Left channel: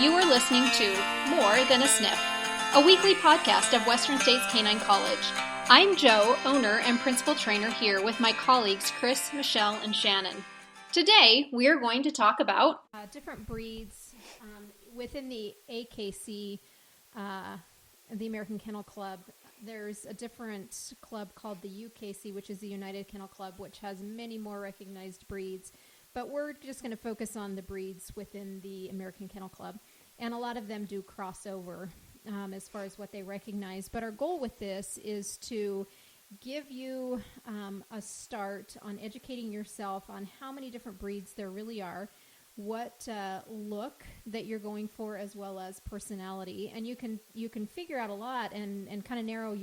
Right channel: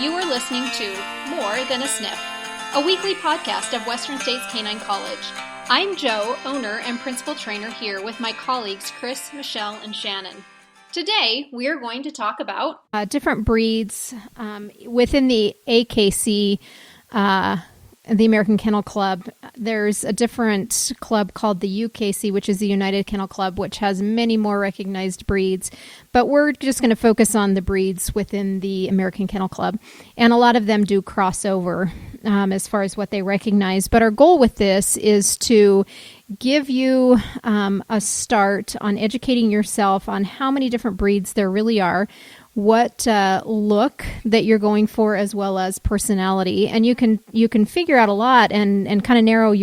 You are listening to More Than a Sniff, a weekly podcast of Western States Canine College. I'm Joe, owner and principal trainer here with my colleagues Chris, Michelle, and Shannon. Today, we are going to talk about different breeds within the AKC, the American Kennel Club. There's a different club called the UKC, which is the United Kennel Club, which has many more recognized breeds. But we're just going to focus on the breeds within the American Kennel Club. And a lot of them do crossover as far as what they recognize. But our goal with this is to give you a start on educating yourself on how many different breeds there really are, what look that you're going for, as well as personality. And you can figure out a lot and kind of narrow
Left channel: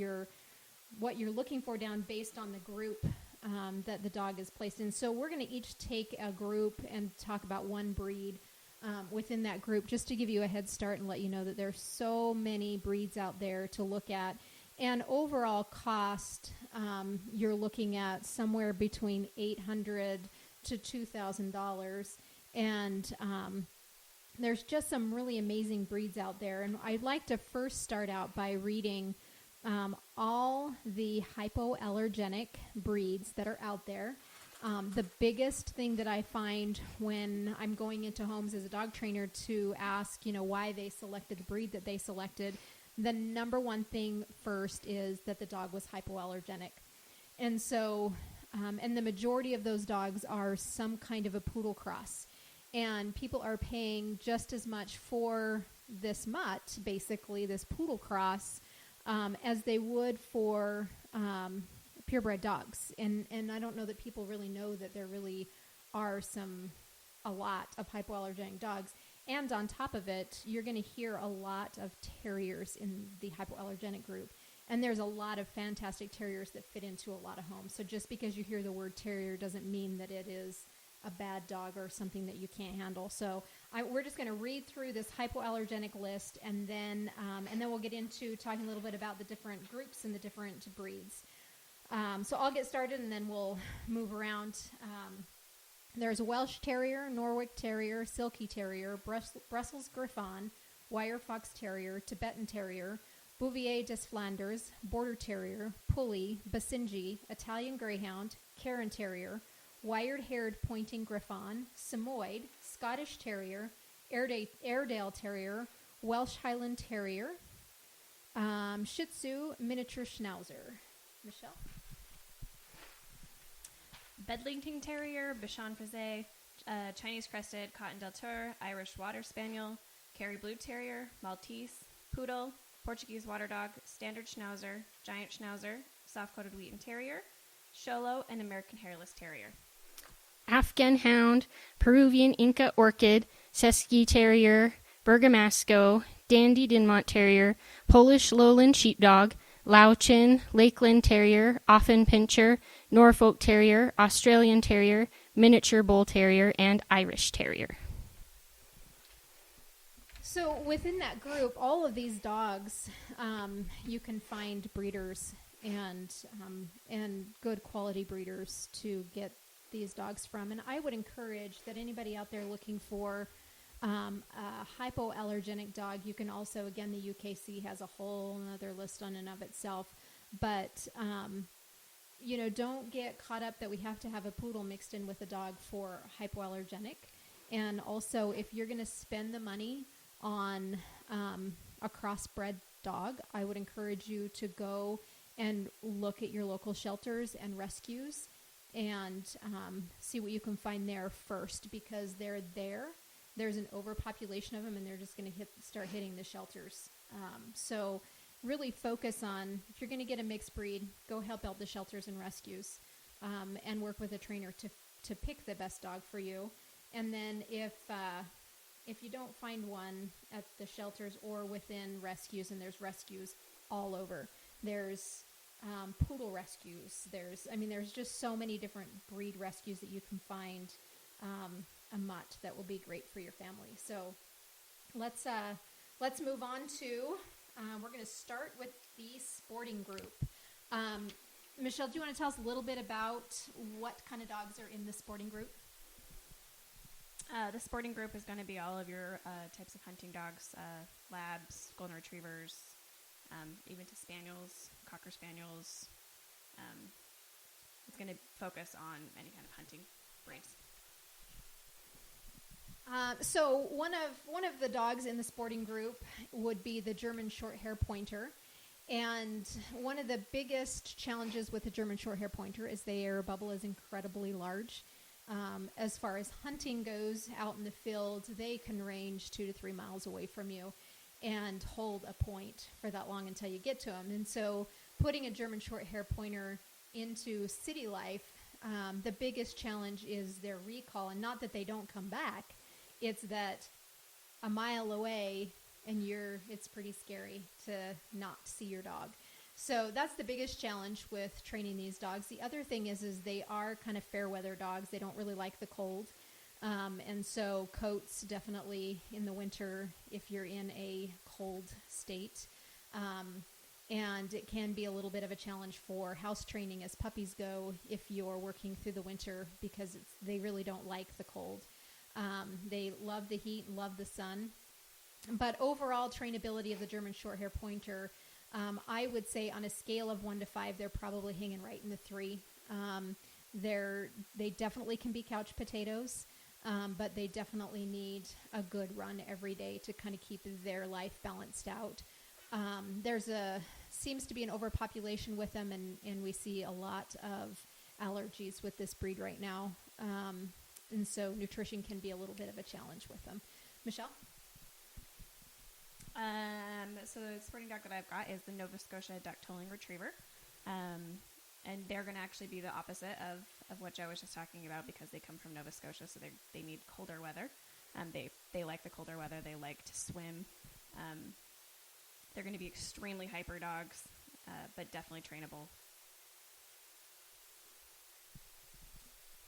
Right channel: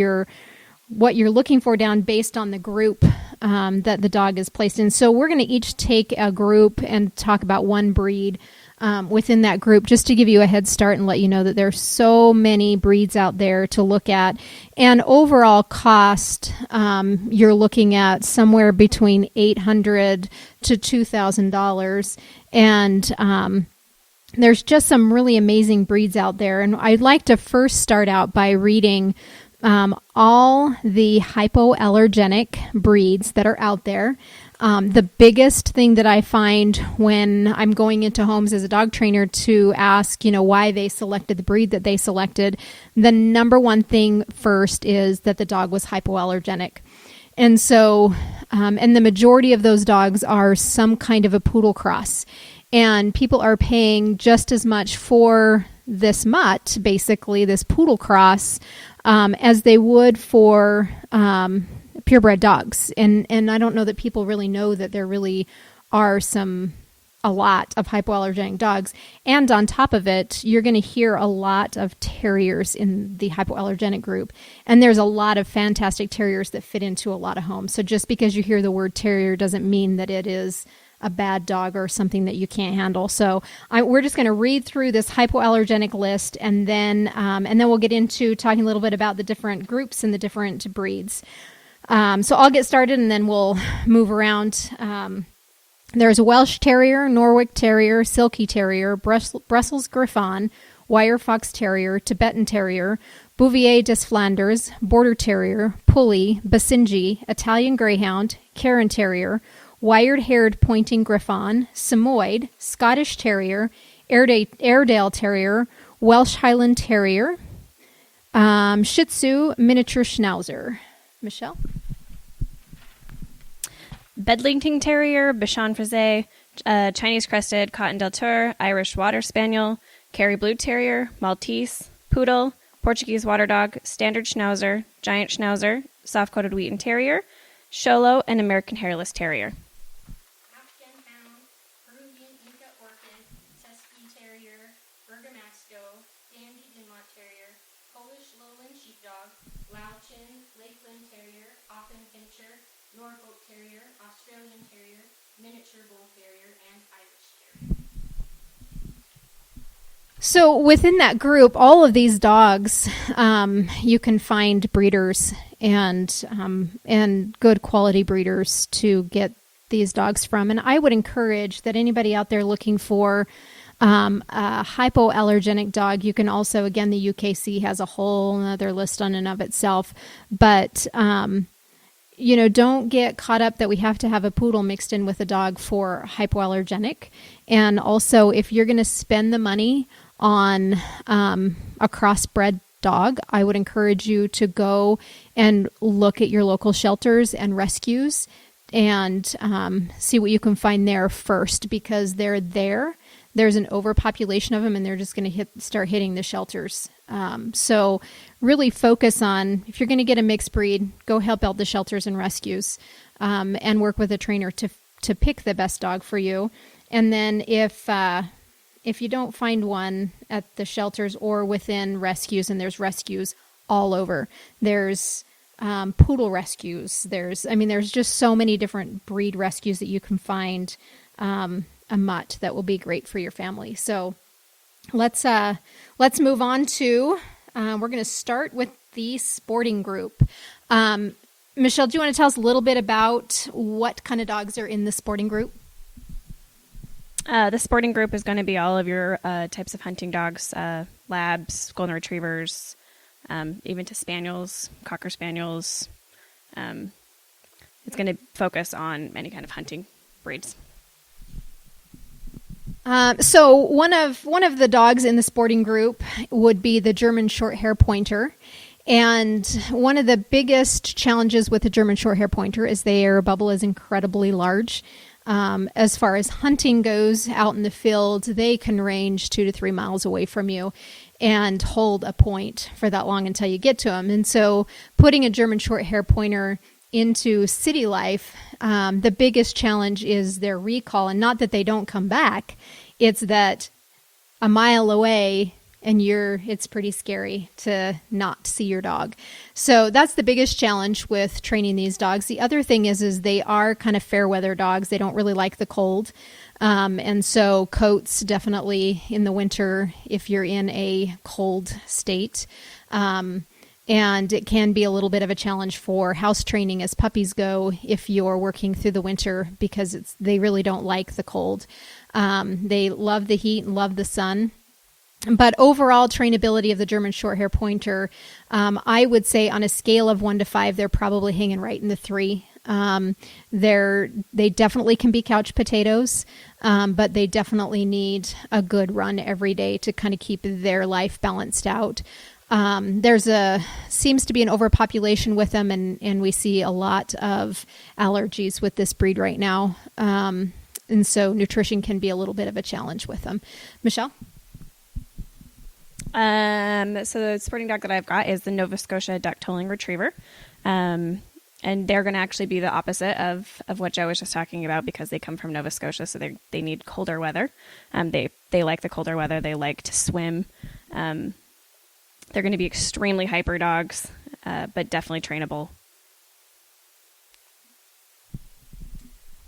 what you're looking for down based on the group that the dog is placed in. So we're going to each take a group and talk about one breed within that group, just to give you a head start and let you know that there's so many breeds out there to look at. And overall cost, you're looking at somewhere between $800 to $2,000. And there's just some really amazing breeds out there. And I'd like to first start out by reading all the hypoallergenic breeds that are out there. The biggest thing that I find when I'm going into homes as a dog trainer to ask, why they selected the breed that they selected, the number one thing first is that the dog was hypoallergenic. And so, and the majority of those dogs are some kind of a poodle cross. And people are paying just as much for this mutt, basically, this poodle cross, as they would for purebred dogs. And I don't know that people really know that there really are a lot of hypoallergenic dogs. And on top of it, you're going to hear a lot of terriers in the hypoallergenic group. And there's a lot of fantastic terriers that fit into a lot of homes. So just because you hear the word terrier doesn't mean that it is a bad dog or something that you can't handle. So we're just going to read through this hypoallergenic list, and then we'll get into talking a little bit about the different groups and the different breeds. So I'll get started, and then we'll move around. There's a Welsh Terrier, Norwich Terrier, Silky Terrier, Brussels Griffon, Wire Fox Terrier, Tibetan Terrier, Bouvier des Flanders, Border Terrier, Pulley, Basenji, Italian Greyhound, Cairn Terrier, Wired-haired Pointing Griffon, Samoyed, Scottish Terrier, Airedale Terrier, Welsh Highland Terrier, Shih Tzu, Miniature Schnauzer. Michelle? Bedlington Terrier, Bichon Frise, Chinese Crested, Cottontail Tour, Irish Water Spaniel, Kerry Blue Terrier, Maltese, Poodle, Portuguese Water Dog, Standard Schnauzer, Giant Schnauzer, Soft-Coated Wheaten Terrier, Xolo, and American Hairless Terrier. Afghan Hound, Peruvian Inca Orchid, Sesky Terrier, Bergamasco, Dandy Dinmont Terrier, Polish Lowland Sheepdog, Louchin, Lakeland Terrier, Offen Pinscher, Norfolk Terrier, Australian Terrier, Miniature Bull Terrier, and Irish Terrier. So within that group, all of these dogs, you can find breeders and good quality breeders to get these dogs from. And I would encourage that anybody out there looking for a hypoallergenic dog, you can also, again, the UKC has a whole other list on and of itself, but don't get caught up that we have to have a poodle mixed in with a dog for hypoallergenic. And also, if you're going to spend the money on a crossbred dog, I would encourage you to go and look at your local shelters and rescues and see what you can find there first, because there's an overpopulation of them, and they're just going to start hitting the shelters. So really focus on, if you're going to get a mixed breed, go help out the shelters and rescues, and work with a trainer to pick the best dog for you. And then if you don't find one at the shelters or within rescues, and there's rescues all over, there's poodle rescues. There's just so many different breed rescues that you can find a mutt that will be great for your family. So let's move on to, we're going to start with the sporting group. Michelle, do you want to tell us a little bit about what kind of dogs are in the sporting group? The sporting group is going to be all of your types of hunting dogs, labs, golden retrievers, even to spaniels, cocker spaniels. It's going to focus on any kind of hunting breeds. So one of the dogs in the sporting group would be the German Shorthair Pointer. And one of the biggest challenges with the German Shorthair Pointer is the air bubble is incredibly large. As far as hunting goes out in the field, they can range 2 to 3 miles away from you and hold a point for that long until you get to them. And so putting a German Shorthair Pointer into city life, the biggest challenge is their recall. And not that they don't come back, it's that a mile away and it's pretty scary to not see your dog. So that's the biggest challenge with training these dogs. The other thing is they are kind of fair weather dogs. They don't really like the cold. And so coats definitely in the winter if you're in a cold state. And it can be a little bit of a challenge for house training as puppies go if you're working through the winter because they really don't like the cold. They love the heat and love the sun. But overall trainability of the German Shorthair Pointer, I would say on a scale of 1 to 5, they're probably hanging right in the 3. They definitely can be couch potatoes, but they definitely need a good run every day to kind of keep their life balanced out. Seems to be an overpopulation with them, and we see a lot of allergies with this breed right now. And so nutrition can be a little bit of a challenge with them. Michelle? So the sporting dog that I've got is the Nova Scotia duck tolling retriever. And they're going to actually be the opposite of what Joe was just talking about because they come from Nova Scotia, so they need colder weather. They like the colder weather. They like to swim. They're going to be extremely hyper dogs, but definitely trainable.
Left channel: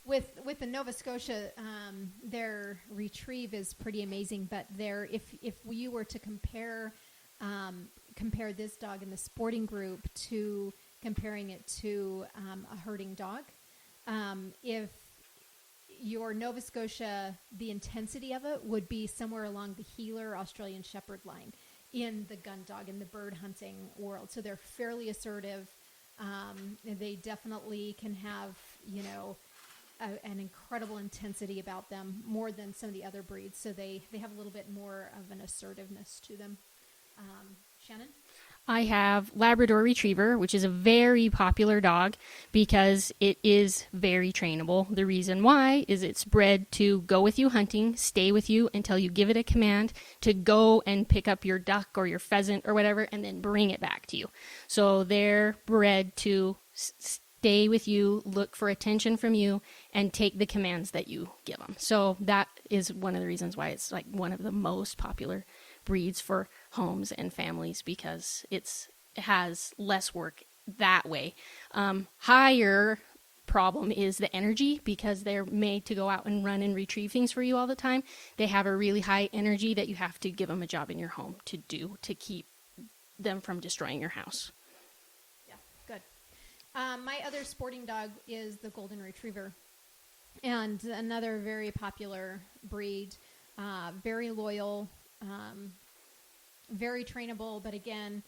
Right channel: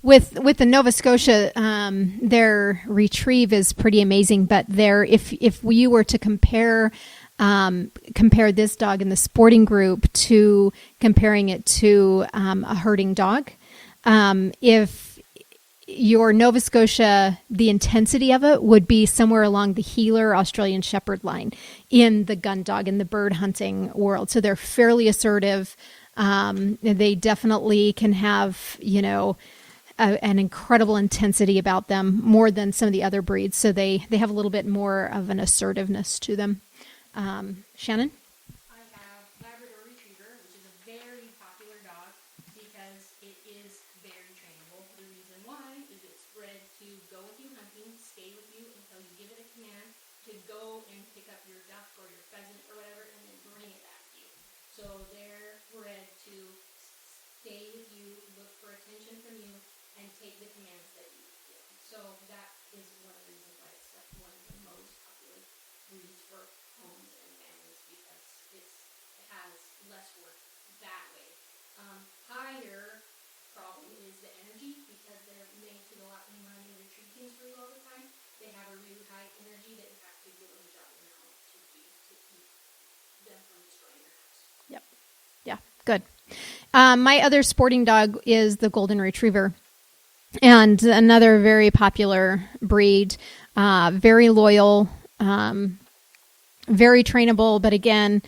With the Nova Scotia, their retrieve is pretty amazing. But if you were to compare this dog in the sporting group to comparing it to a herding dog, if your Nova Scotia, the intensity of it would be somewhere along the Heeler Australian Shepherd line in the gun dog in the bird hunting world. So they're fairly assertive. They definitely can have an incredible intensity about them, more than some of the other breeds. So they have a little bit more of an assertiveness to them. Shannon? I have Labrador Retriever, which is a very popular dog because it is very trainable. The reason why is it's bred to go with you hunting, stay with you until you give it a command to go and pick up your duck or your pheasant or whatever and then bring it back to you. So they're bred to stay with you, look for attention from you, and take the commands that you give them. So that is one of the reasons why it's like one of the most popular breeds for homes and families because it has less work that way. Higher problem is the energy because they're made to go out and run and retrieve things for you all the time. They have a really high energy that you have to give them a job in your home to do to keep them from destroying your house. Yep. Yeah, good. My other sporting dog is the Golden Retriever. And another very popular breed, very loyal, very trainable, but again,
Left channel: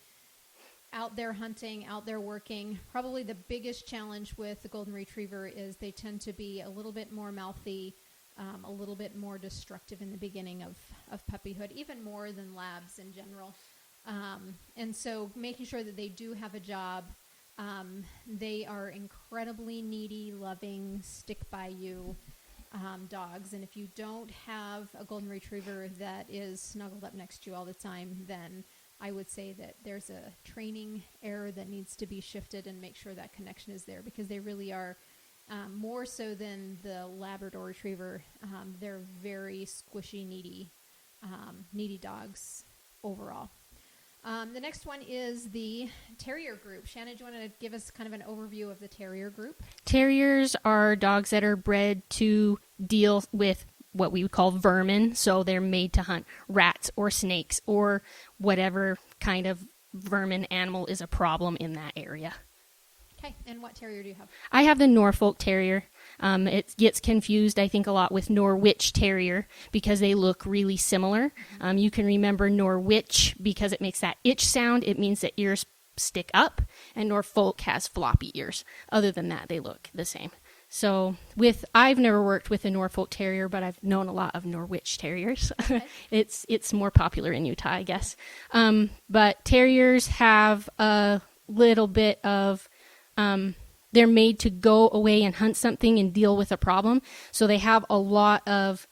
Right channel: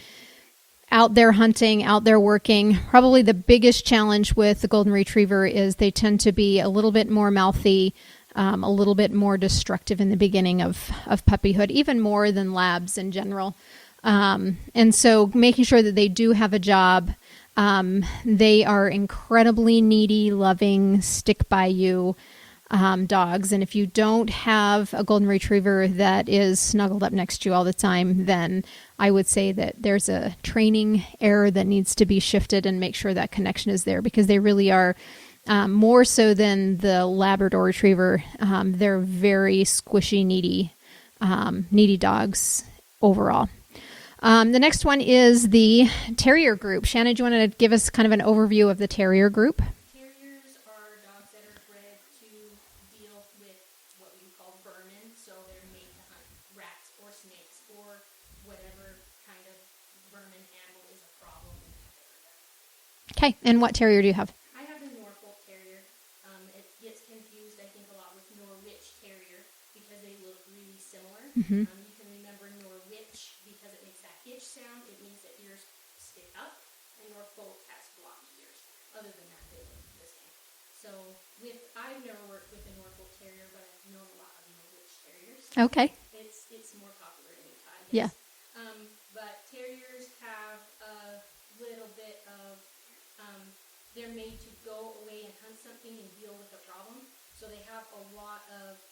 out there hunting, out there working. Probably the biggest challenge with the Golden Retriever is they tend to be a little bit more mouthy, a little bit more destructive in the beginning of puppyhood, even more than labs in general. And so making sure that they do have a job. They are incredibly needy, loving, stick by you dogs. And if you don't have a Golden Retriever that is snuggled up next to you all the time, then I would say that there's a training error that needs to be shifted and make sure that connection is there because they really are more so than the Labrador Retriever. They're very squishy, needy dogs overall. The next one is the Terrier group. Shannon, do you want to give us kind of an overview of the Terrier group? Terriers are dogs that are bred to deal with what we would call vermin. So they're made to hunt rats or snakes or whatever kind of vermin animal is a problem in that area. Okay. And what terrier do you have? I have the Norfolk Terrier. It gets confused, I think, a lot with Norwich Terrier because they look really similar. You can remember Norwich because it makes that itch sound. It means that ears stick up, and Norfolk has floppy ears. Other than that, they look the same. So I've never worked with a Norfolk Terrier, but I've known a lot of Norwich Terriers. Okay. It's more popular in Utah, I guess. Yeah. But Terriers have a little bit of, they're made to go away and hunt something and deal with a problem. So they have a lot of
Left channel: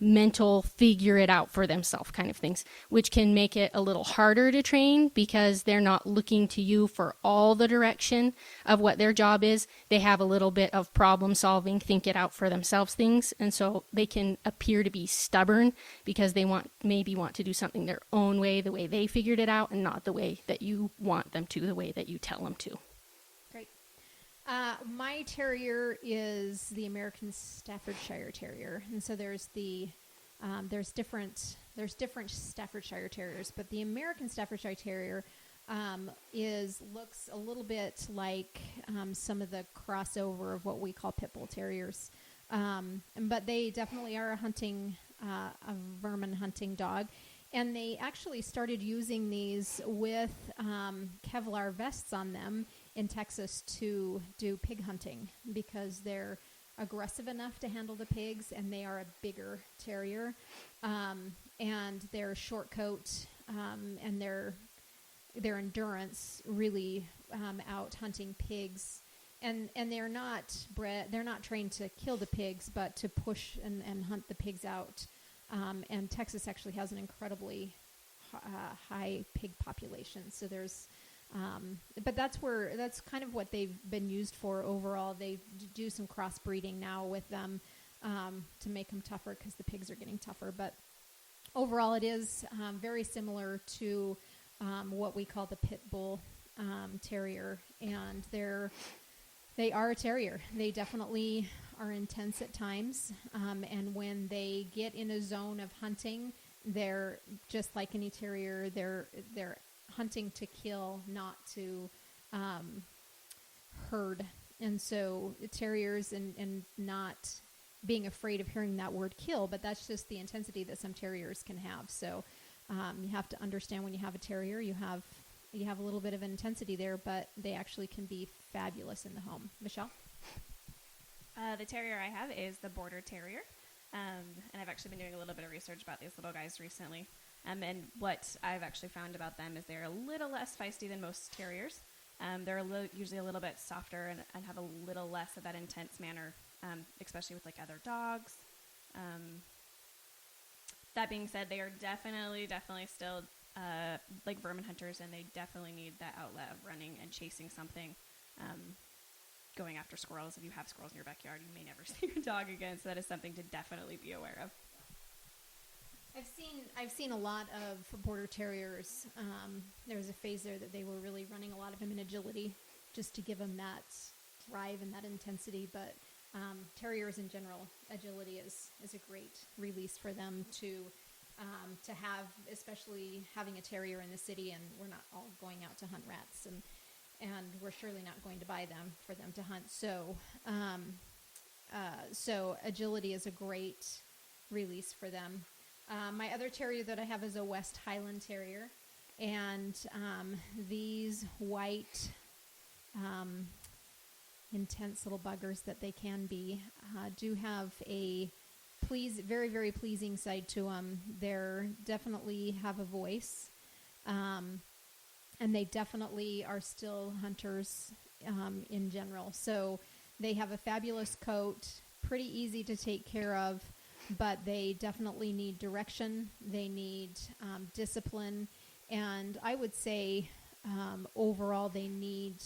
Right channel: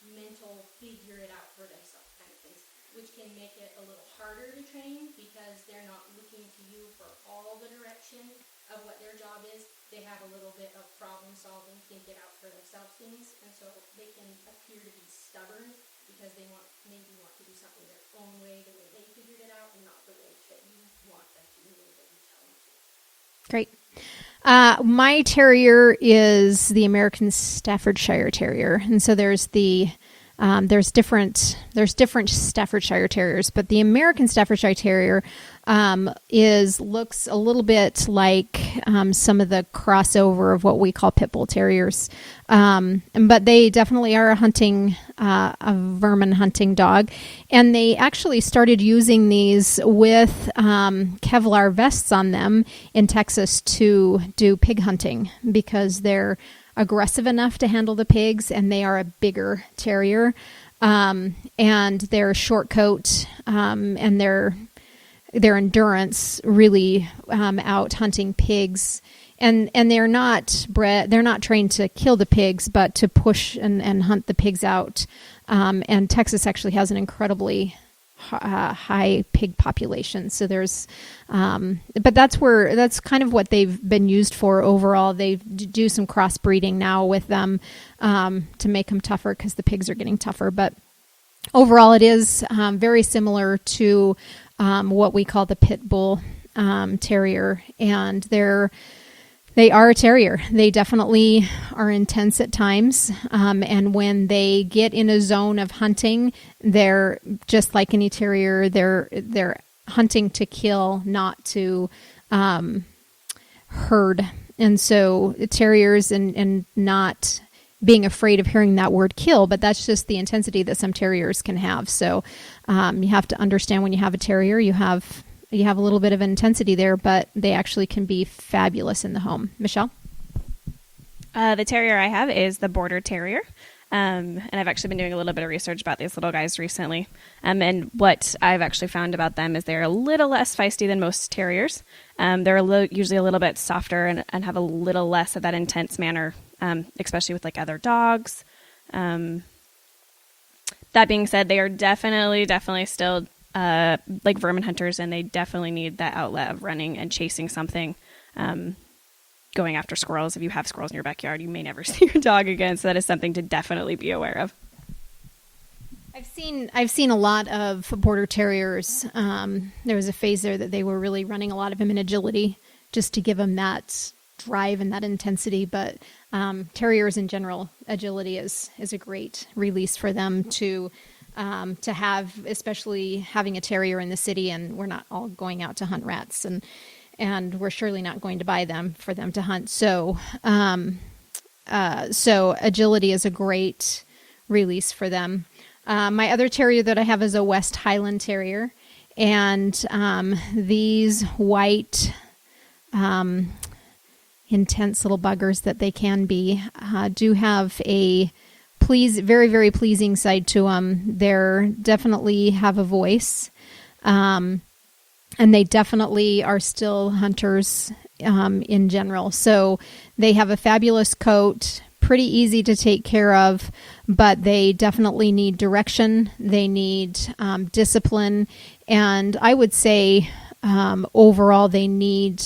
mental figure it out for themselves kind of things, which can make it a little harder to train because they're not looking to you for all the direction of what their job is. They have a little bit of problem solving, think it out for themselves things. And so they can appear to be stubborn because they maybe want to do something their own way, the way they figured it out, and not the way that you want them to, the way that you tell them to. Great. My terrier is the American Staffordshire Terrier, and so there's different Staffordshire Terriers, but the American Staffordshire Terrier looks a little bit like some of the crossover of what we call pit bull terriers, but they definitely are a vermin hunting dog, and they actually started using these with Kevlar vests on them in Texas to do pig hunting because they're aggressive enough to handle the pigs, and they are a bigger terrier, and their short coat and their endurance really out hunting pigs, and they're not trained to kill the pigs, but to push and hunt the pigs out. And Texas actually has an incredibly high pig population. So there's, but that's kind of what they've been used for overall. They do some crossbreeding now with them to make them tougher because the pigs are getting tougher. But overall, it is very similar to what we call the pit bull terrier, and they are a terrier. They definitely are intense at times, and when they get in a zone of hunting, they're just like any terrier. They're hunting to kill, not to herd. And so terriers and not being afraid of hearing that word kill, but that's just the intensity that some terriers can have. So you have to understand when you have a terrier, you have a little bit of intensity there, but they actually can be fabulous in the home. Michelle? The terrier I have is the Border Terrier. And I've actually been doing a little bit of research about these little guys recently. And what I've actually found about them is they're a little less feisty than most terriers. They're usually a little bit softer and have a little less of that intense manner, especially with like other dogs. That being said, they are definitely still like vermin hunters, and they definitely need that outlet of running and chasing something, going after squirrels. If you have squirrels in your backyard, you may never see your dog again, so that is something to definitely be aware of. I've seen a lot of border terriers. There was a phase there that they were really running a lot of them in agility just to give them that drive and that intensity, but terriers in general, agility is a great release for them to have, especially having a terrier in the city, and we're not all going out to hunt rats, and we're surely not going to buy them for them to hunt. So agility is a great release for them. My other terrier that I have is a West Highland Terrier, and these white, intense little buggers that they can be do have a very, very pleasing side to them. They're definitely have a voice, and they definitely are still hunters in general. So they have a fabulous coat, pretty easy to take care of, but they definitely need direction. They need discipline, and I would say overall they need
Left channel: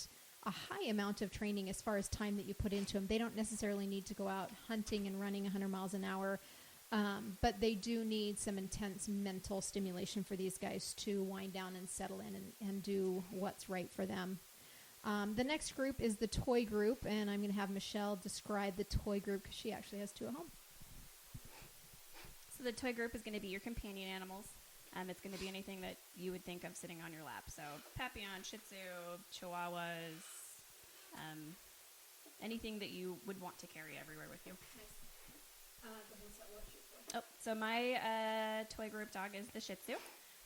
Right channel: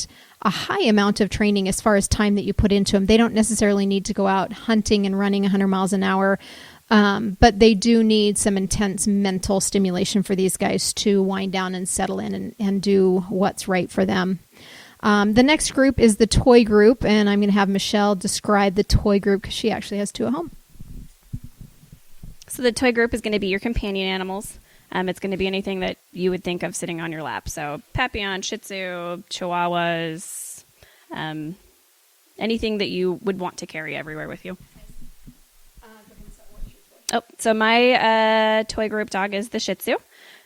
a high amount of training as far as time that you put into them. They don't necessarily need to go out hunting and running 100 miles an hour, but they do need some intense mental stimulation for these guys to wind down and settle in and do what's right for them. The next group is the toy group, and I'm going to have Michelle describe the toy group because she actually has two at home. So the toy group is going to be your companion animals. It's going to be anything that you would think of sitting on your lap. So Papillon, Shih Tzu, Chihuahuas, anything that you would want to carry everywhere with you. Oh, so my toy group dog is the Shih Tzu.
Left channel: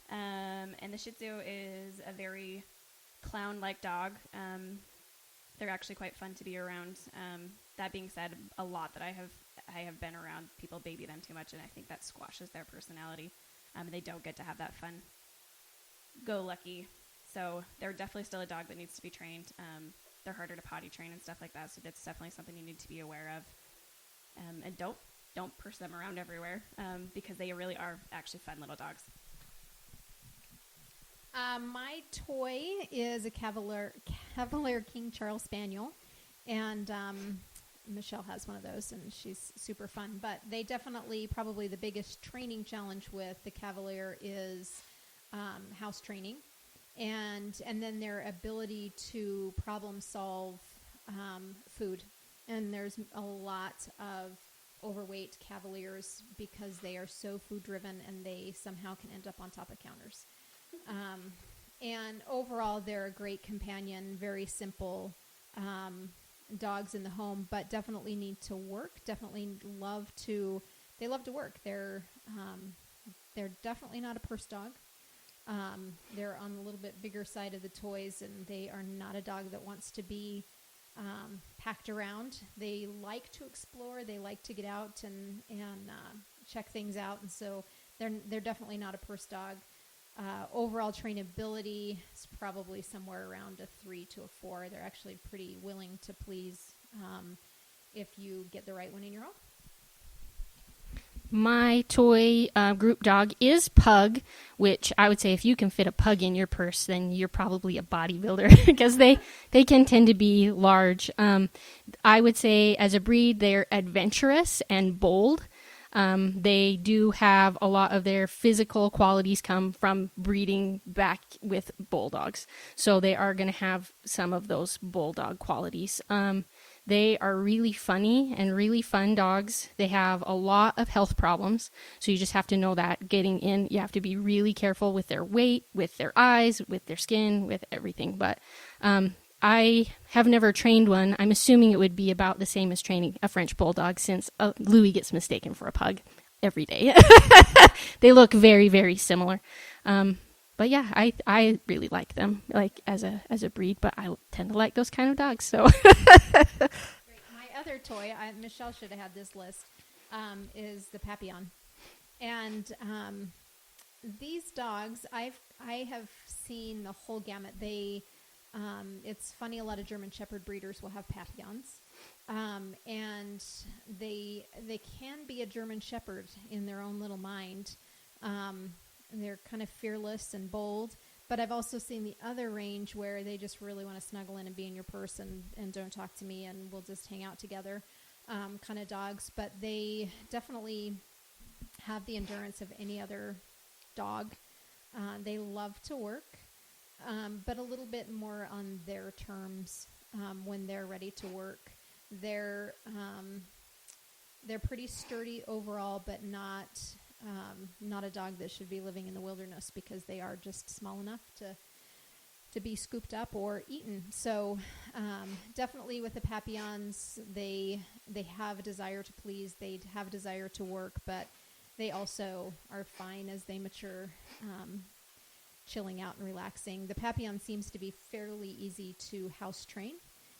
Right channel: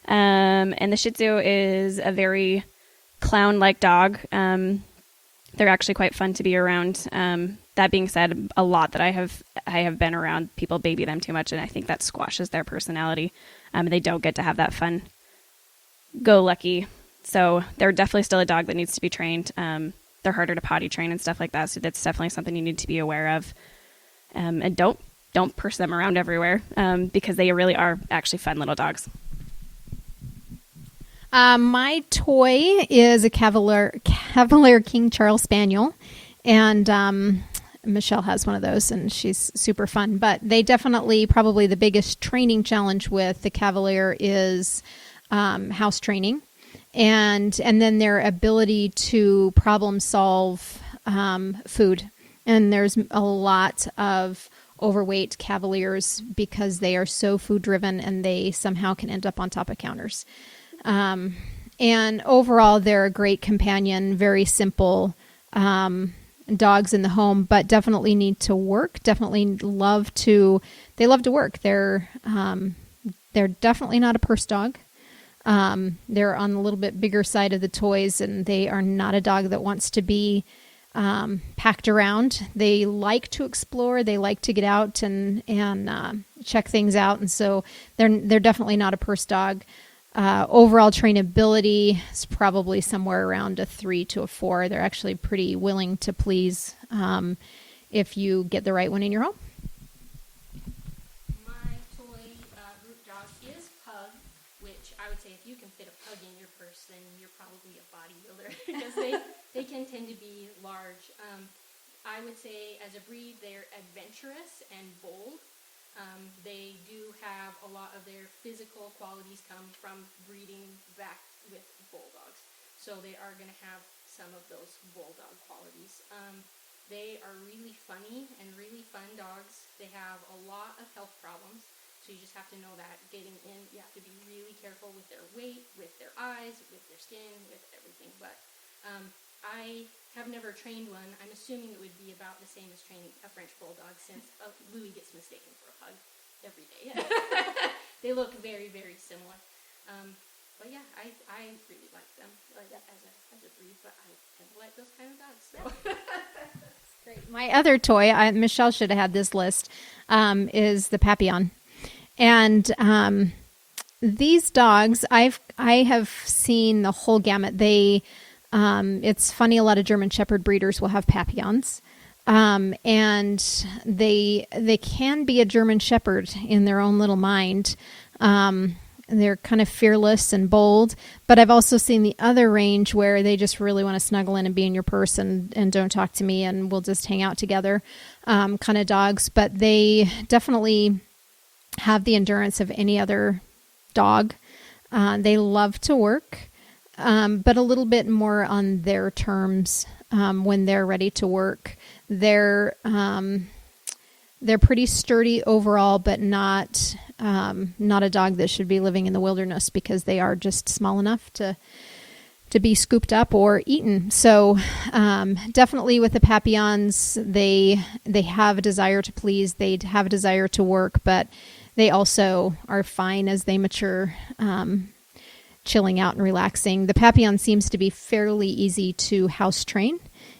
And the Shih Tzu is a very clown-like dog. They're actually quite fun to be around. That being said, a lot that I have been around, people baby them too much, and I think that squashes their personality. They don't get to have that fun go-lucky. So they're definitely still a dog that needs to be trained. They're harder to potty train and stuff like that, so that's definitely something you need to be aware of. And don't purse them around everywhere, because they really are actually fun little dogs. My toy is a Cavalier King Charles Spaniel, and Michelle has one of those, and she's super fun. But they definitely, probably the biggest training challenge with the Cavalier is house training, and then their ability to problem solve food. And there's a lot of overweight Cavaliers because they are so food driven, and they somehow can end up on top of counters. And overall, they're a great companion, very simple dogs in the home, but definitely need to work. Definitely love to work. They're definitely not a purse dog. They're on a little bit bigger side of the toys, and they are not a dog that wants to be packed around. They like to explore. They like to get out and check things out, and so they're definitely not a purse dog. Overall trainability is probably somewhere around a 3 to a 4. They're actually pretty willing to please if you get the right one in your home. My toy group dog is Pug, which I would say if you can fit a pug in your purse, then you're probably a bodybuilder because they can tend to be large. I would say as a breed, they're adventurous and bold. They do have a lot of their physical qualities come from breeding back with bulldogs. So they are going to have some of those bulldog qualities. They are really funny and really fun dogs. They have a lot of health problems. So you just have to know that getting in, you have to be really careful with their weight, with their eyes, with their skin, with everything. But I have never trained one. I'm assuming it would be about the same as training a French bulldog, since Louis gets mistaken for a pug every day. They look very, very similar. But yeah, I really like them, like as a breed. But I tend to like those kind of dogs. So My other toy, Michelle should have had this list, is the Papillon, and these dogs I have seen the whole gamut. It's funny, a lot of German Shepherd breeders will have Papillons, and they can be a German Shepherd in their own little mind. They're kind of fearless and bold, but I've also seen the other range where they just really want to snuggle in and be in your purse and don't talk to me, and we'll just hang out together, kind of dogs. But they definitely have the endurance of any other dog. They love to work. But a little bit more on their terms when they're ready to work. They're pretty sturdy overall, but not a dog that should be living in the wilderness because they are just small enough to be scooped up or eaten. So definitely with the Papillons, they have a desire to please. They have a desire to work, but they also are fine as they mature. Chilling out and relaxing. The Papillon seems to be fairly easy to house train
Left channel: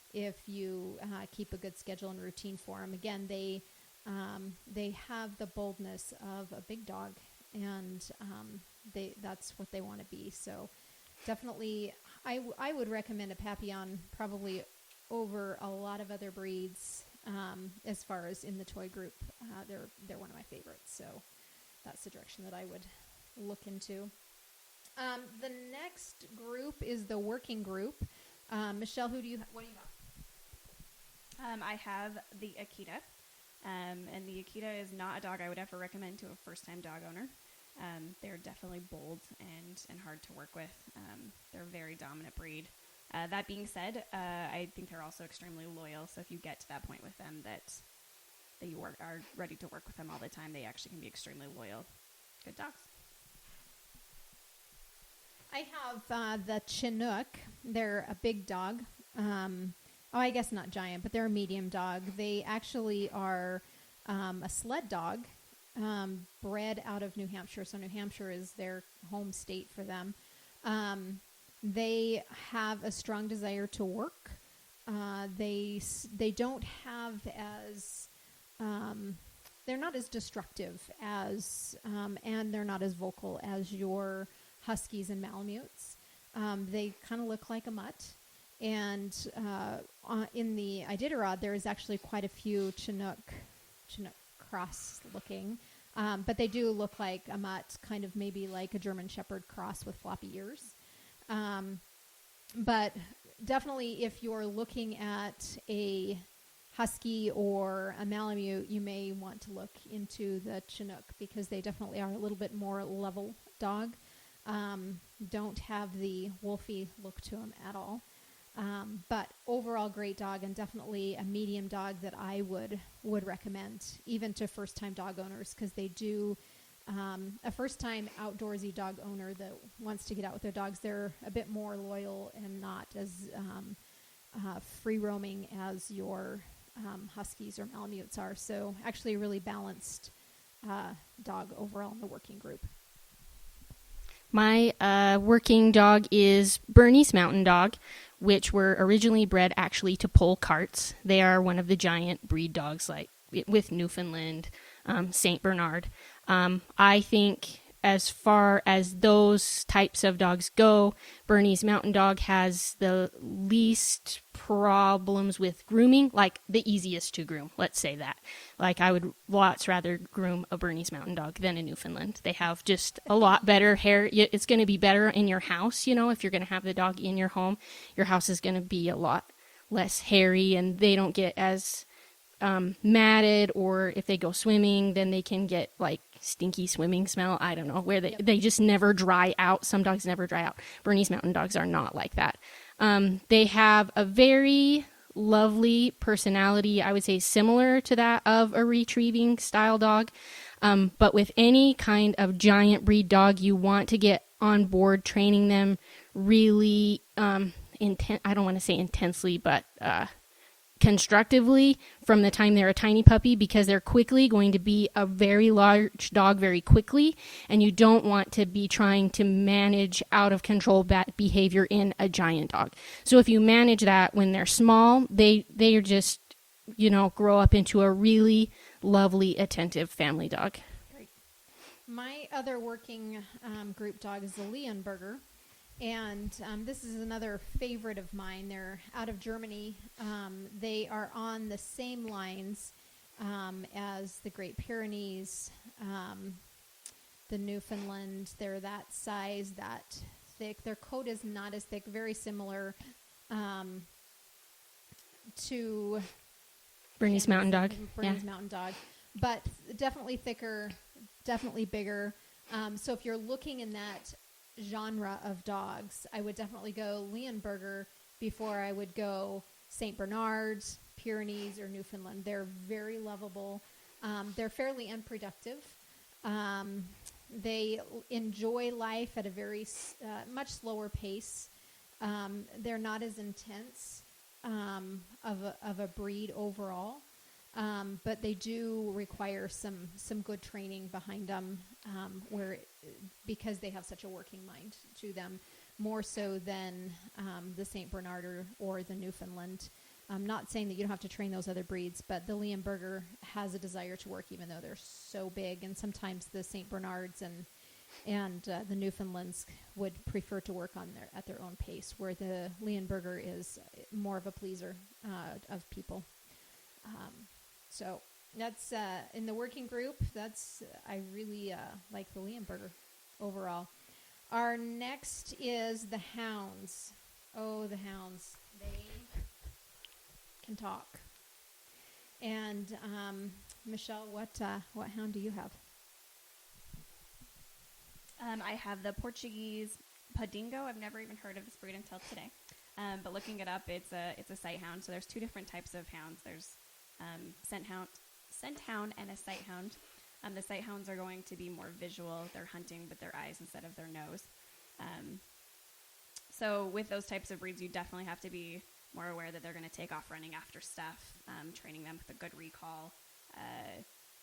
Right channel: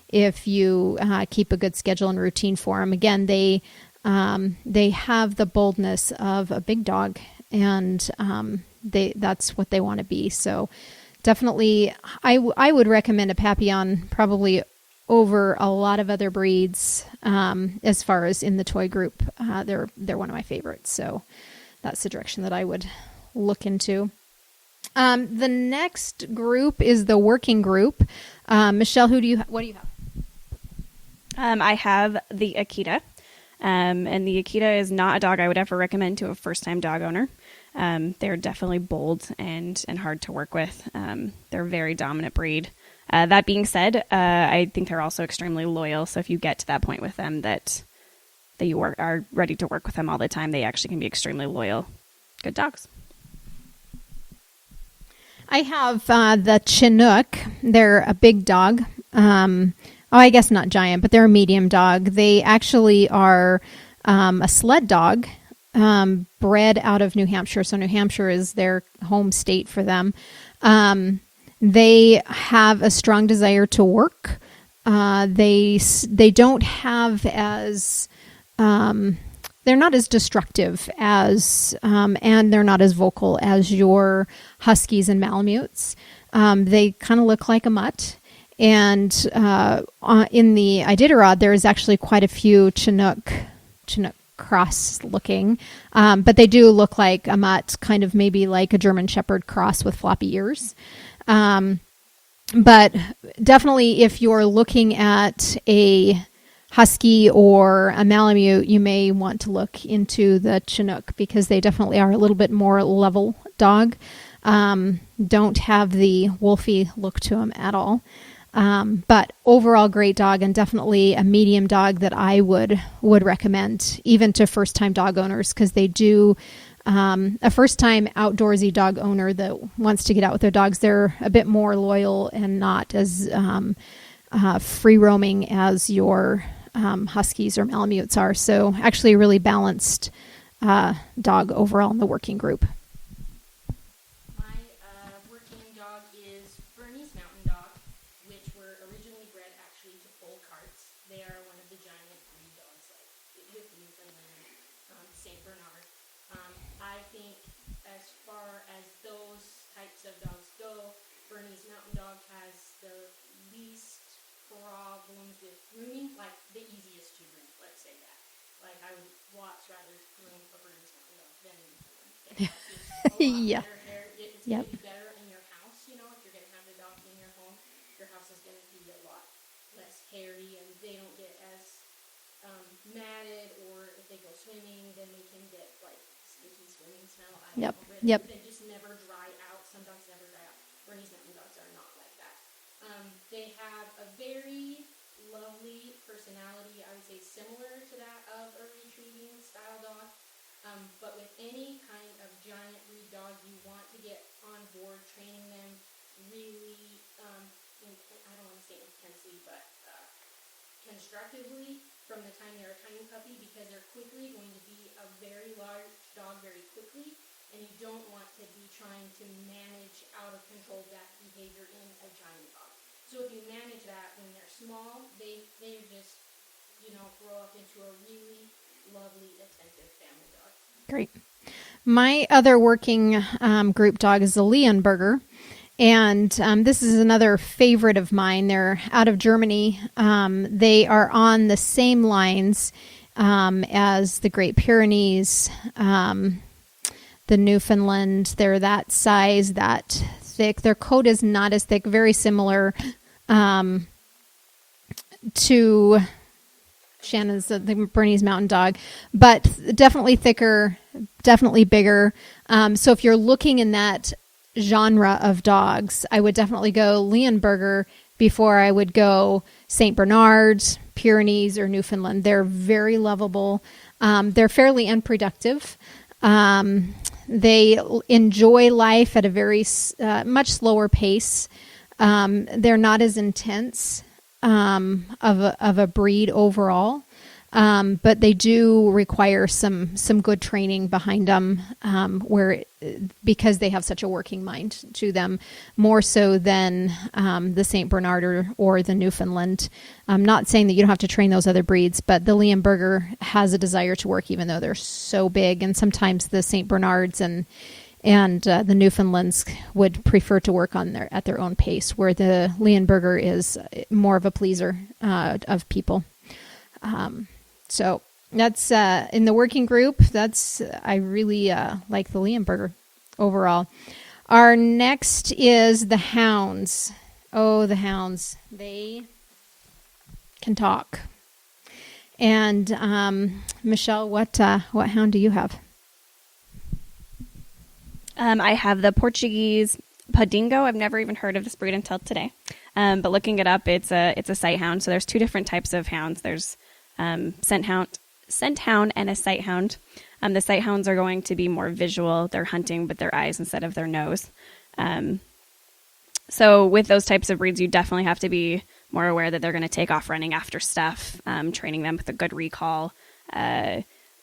if you keep a good schedule and routine for them. Again, they have the boldness of a big dog, and that's what they want to be. So definitely, I would recommend a Papillon probably over a lot of other breeds. As far as in the toy group, they're one of my favorites. So that's the direction that I would look into. The next group is the working group. Michelle, what do you have? I have the Akita, and the Akita is not a dog I would ever recommend to a first-time dog owner. They're definitely bold and hard to work with. They're a very dominant breed. That being said, I think they're also extremely loyal. So if you get to that point with them that you are ready to work with them all the time, they actually can be extremely loyal. Good dogs. I have the Chinook. They're a big dog. Oh, I guess not giant, but they're a medium dog. They actually are a sled dog, bred out of New Hampshire. So New Hampshire is their home state for them. They have a strong desire to work. They don't have as they're not as destructive as and they're not as vocal as your huskies and malamutes. They kind of look like a mutt. And in the Iditarod, there is actually quite a few Chinook cross looking, but they do look like a mutt, kind of maybe like a German Shepherd cross with floppy ears. But definitely, if you're looking at a husky or a malamute, you may want to look into the Chinook because they definitely are a little bit more level dog. Don't have the wolfy look to them at all. But overall great dog, and definitely a medium dog that I would recommend even to first time dog owners, because they do a first time outdoorsy dog owner that wants to get out with their dogs, they're a bit more loyal and not as free roaming as your huskies or malamutes are. So actually a really balanced dog overall in the working group. My working dog is Bernese Mountain Dog, which were originally bred actually to pull carts. They are one of the giant breed dogs, like with Newfoundland, Saint Bernard. I think as far as those types of dogs go, Bernese Mountain Dog has the least problems with grooming, like the easiest to groom, let's say that. Like I would lots rather groom a Bernese Mountain Dog than a Newfoundland. They have just a lot better hair. It's going to be better in your house, you know, if you're going to have the dog in your home. Your house is going to be a lot less hairy, and they don't get as matted, or if they go swimming, then they can get like stinky swimming smell. I don't know, where they just never dry out. Some dogs never dry out. Bernese Mountain Dogs are not like that. They have a very lovely personality, I would say similar to that of a retrieving style dog. But with any kind of giant breed dog, you want to get on board training them really I don't want to say intensely, but constructively from the time they're a tiny puppy, because they're quickly going to be a very large dog very quickly, and you don't want to be trying to manage out of control bad behavior in a giant dog. So if you manage that when they're small, they are just, you know, grow up into a really lovely, attentive family dog. Great. My other working group dog is the Leonberger. And this is another favorite of mine. They're out of Germany. They are on the same lines as the Great Pyrenees, the Newfoundland. They're that size, that thick. Their coat is not as thick, very similar to Shannon's, the Bernese Mountain Dog, but definitely thicker, definitely bigger. So if you're looking in that genre of dogs, I would definitely go Leonberger before I would go St. Bernard, Pyrenees, or Newfoundland. They're very lovable. They're fairly unproductive. They enjoy life at a very much slower pace. They're not as intense of a breed overall. But they do require some good training behind them, because they have such a working mind to them, more so than the St. Bernard or the Newfoundland. I'm not saying that you don't have to train those other breeds, but the Leonberger has a desire to work, even though they're so big. And sometimes the St. Bernards and the Newfoundlands would prefer to work at their own pace, where the Leonberger is more of a pleaser of people. So that's in the working group. I really like the Leonberger overall. Our next is the hounds. Oh, the hounds. They can talk. And Michelle, what hound do you have? I have the Portuguese Padingo. I've never even heard of this breed until today. But looking it up, it's a sight hound. So there's two different types of hounds. There's scent hound and a sight hound. The sight hounds are going to be more visual. They're hunting with their eyes instead of their nose. So with those types of breeds, you definitely have to be more aware that they're going to take off running after stuff, training them with a good recall.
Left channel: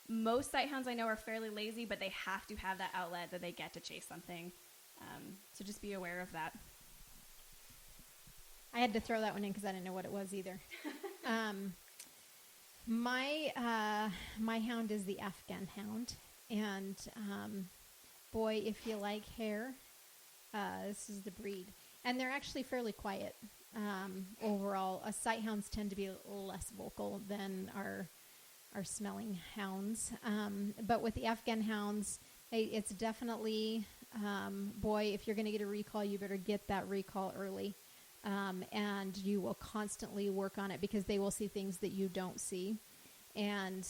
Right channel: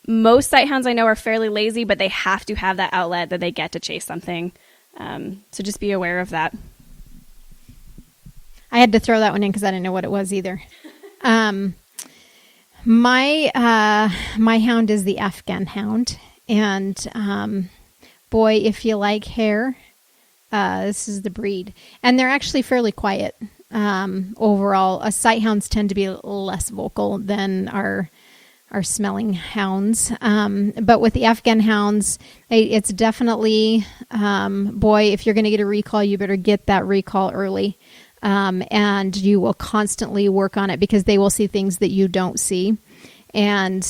Most sight hounds I know are fairly lazy, but they have to have that outlet that they get to chase something. So just be aware of that. I had to throw that one in because I didn't know what it was either. My hound is the Afghan hound, and boy, if you like hair, this is the breed. And they're actually fairly quiet overall. Sight hounds tend to be less vocal than our smelling hounds. But with the Afghan hounds, it's definitely, boy, if you're going to get a recall, you better get that recall early. And you will constantly work on it because they will see things that you don't see. And,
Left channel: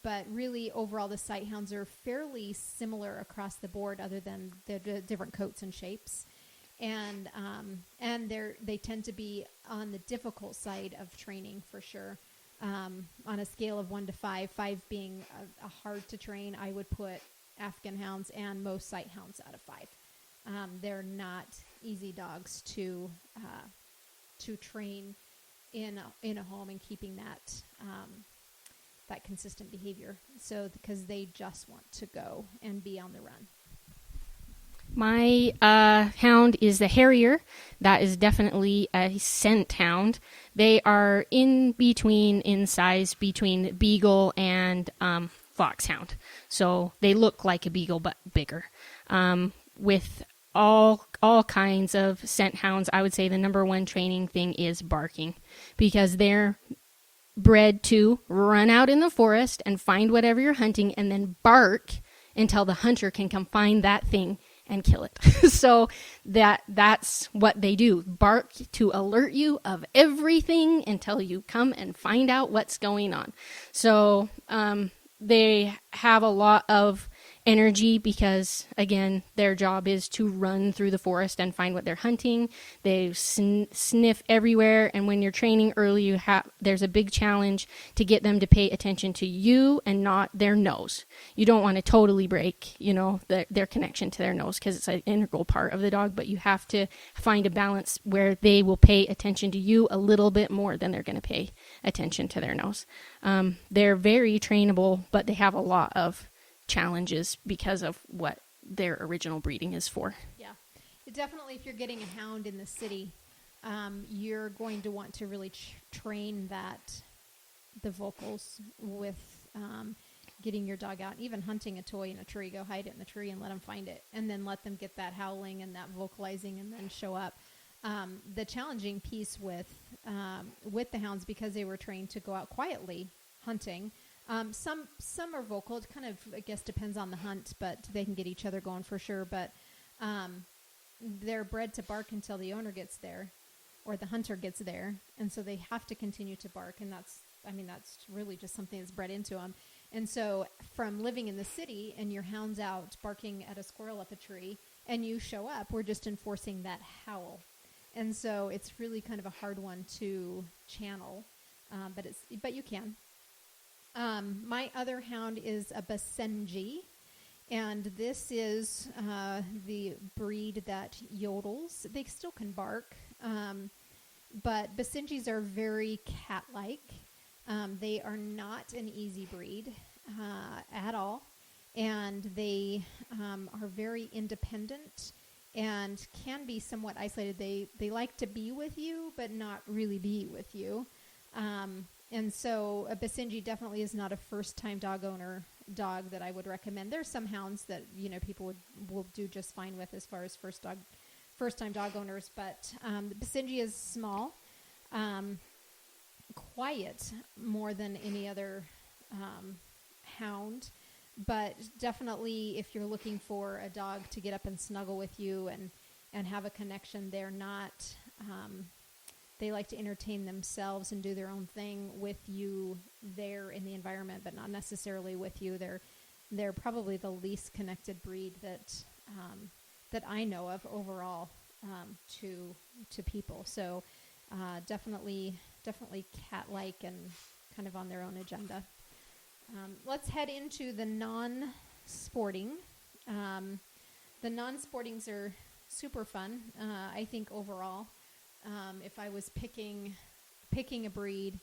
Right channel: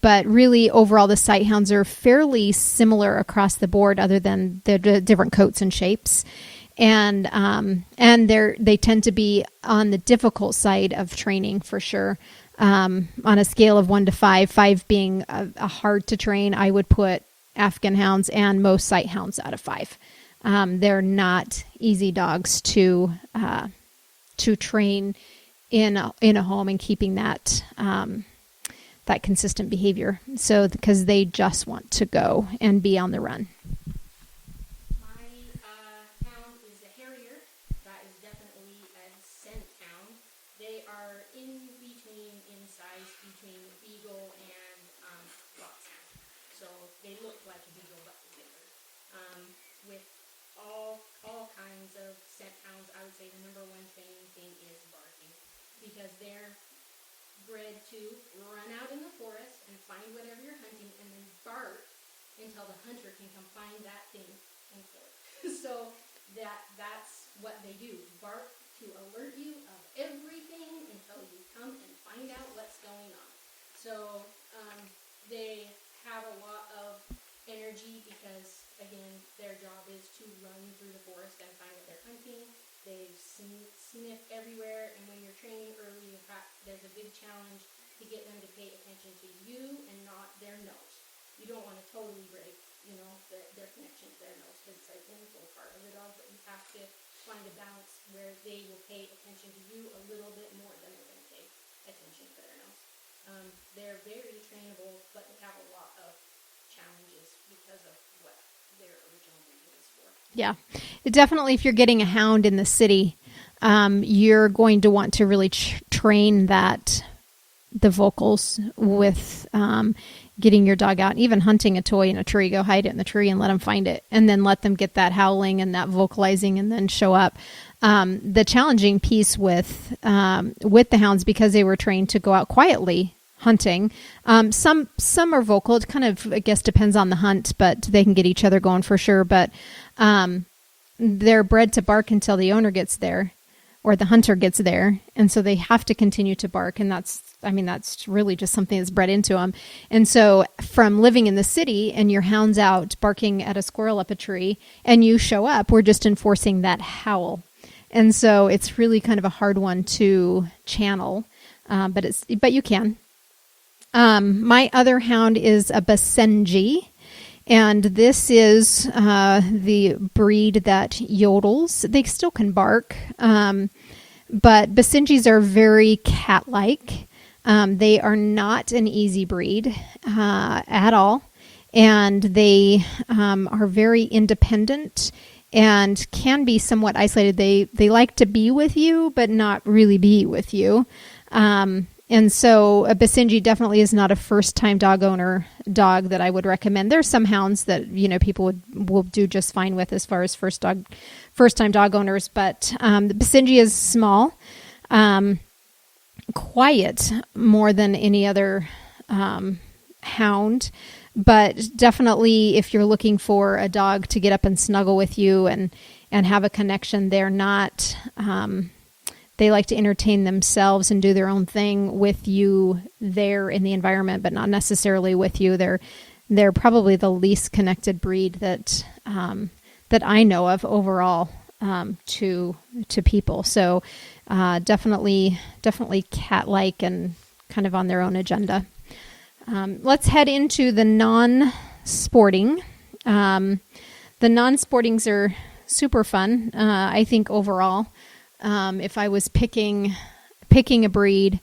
but really overall, the sight hounds are fairly similar across the board other than the different coats and shapes. And they tend to be on the difficult side of training for sure. On a scale of 1 to 5, 5 being a hard to train, I would put Afghan hounds and most sight hounds out of 5. They're not easy dogs to train in a home and keeping that consistent behavior. So because they just want to go and be on the run. My hound is the Harrier. That is definitely a scent hound. They are in size between Beagle and Foxhound. So they look like a Beagle but bigger. With all kinds of scent hounds, I would say the number one training thing is barking, because they're bred to run out in the forest and find whatever you're hunting and then bark until the hunter can come find that thing and kill it. So that's what they do. Bark to alert you of everything until you come and find out what's going on. So they have a lot of energy because, again, their job is to run through the forest and find what they're hunting. They sniff everywhere, and when you're training early, there's a big challenge to get them to pay attention to you and not their nose. You don't want to totally break, their connection to their nose, because it's an integral part of the dog, but you have to find a balance where they will pay attention to you a little bit more than they're going to pay attention to their nose. They're very trainable, but they have a lot of challenges because of what their original breeding is for. Yeah, definitely. If you're getting a hound in the city, you're going to want to really train the vocals with getting your dog out, even hunting a toy in a tree. Go hide it in the tree and let them find it, and then let them get that howling and that vocalizing, and then show up. The challenging piece with the hounds, because they were trained to go out quietly hunting. Some are vocal. It kind of, I guess, depends on the hunt, but they can get each other going for sure. But they're bred to bark until the owner gets there or the hunter gets there. And so they have to continue to bark. And that's really just something that's bred into them. And so from living in the city and your hound's out barking at a squirrel up a tree and you show up, we're just enforcing that howl. And so it's really kind of a hard one to channel, but you can. My other hound is a Basenji, and this is the breed that yodels. They still can bark, but Basenjis are very cat-like. They are not an easy breed at all, and they are very independent and can be somewhat isolated. They like to be with you, but not really be with you. And so a Basenji definitely is not a first-time dog owner dog that I would recommend. There's some hounds that, people will do just fine with as far as first-time dog owners. But the Basenji is small, quiet more than any other hound. But definitely if you're looking for a dog to get up and snuggle with you and have a connection, they're not... They like to entertain themselves and do their own thing with you there in the environment, but not necessarily with you. They're probably the least connected breed that I know of overall to people. So definitely cat-like and kind of on their own agenda. Let's head into the non-sporting. The non-sportings are super fun, I think, overall. if I was picking a breed,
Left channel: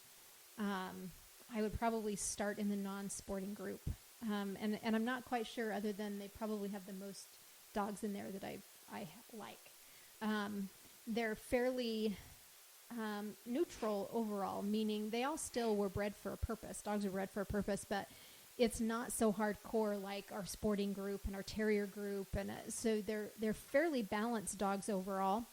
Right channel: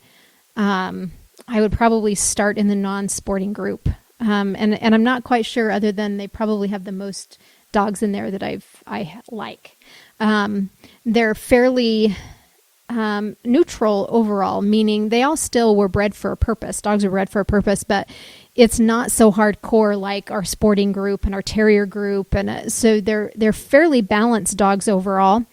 I would probably start in the non-sporting group. And I'm not quite sure, other than they probably have the most dogs in there that I like. They're fairly neutral overall, meaning they all still were bred for a purpose. Dogs are bred for a purpose, but it's not so hardcore like our sporting group and our terrier group, and so they're fairly balanced dogs overall.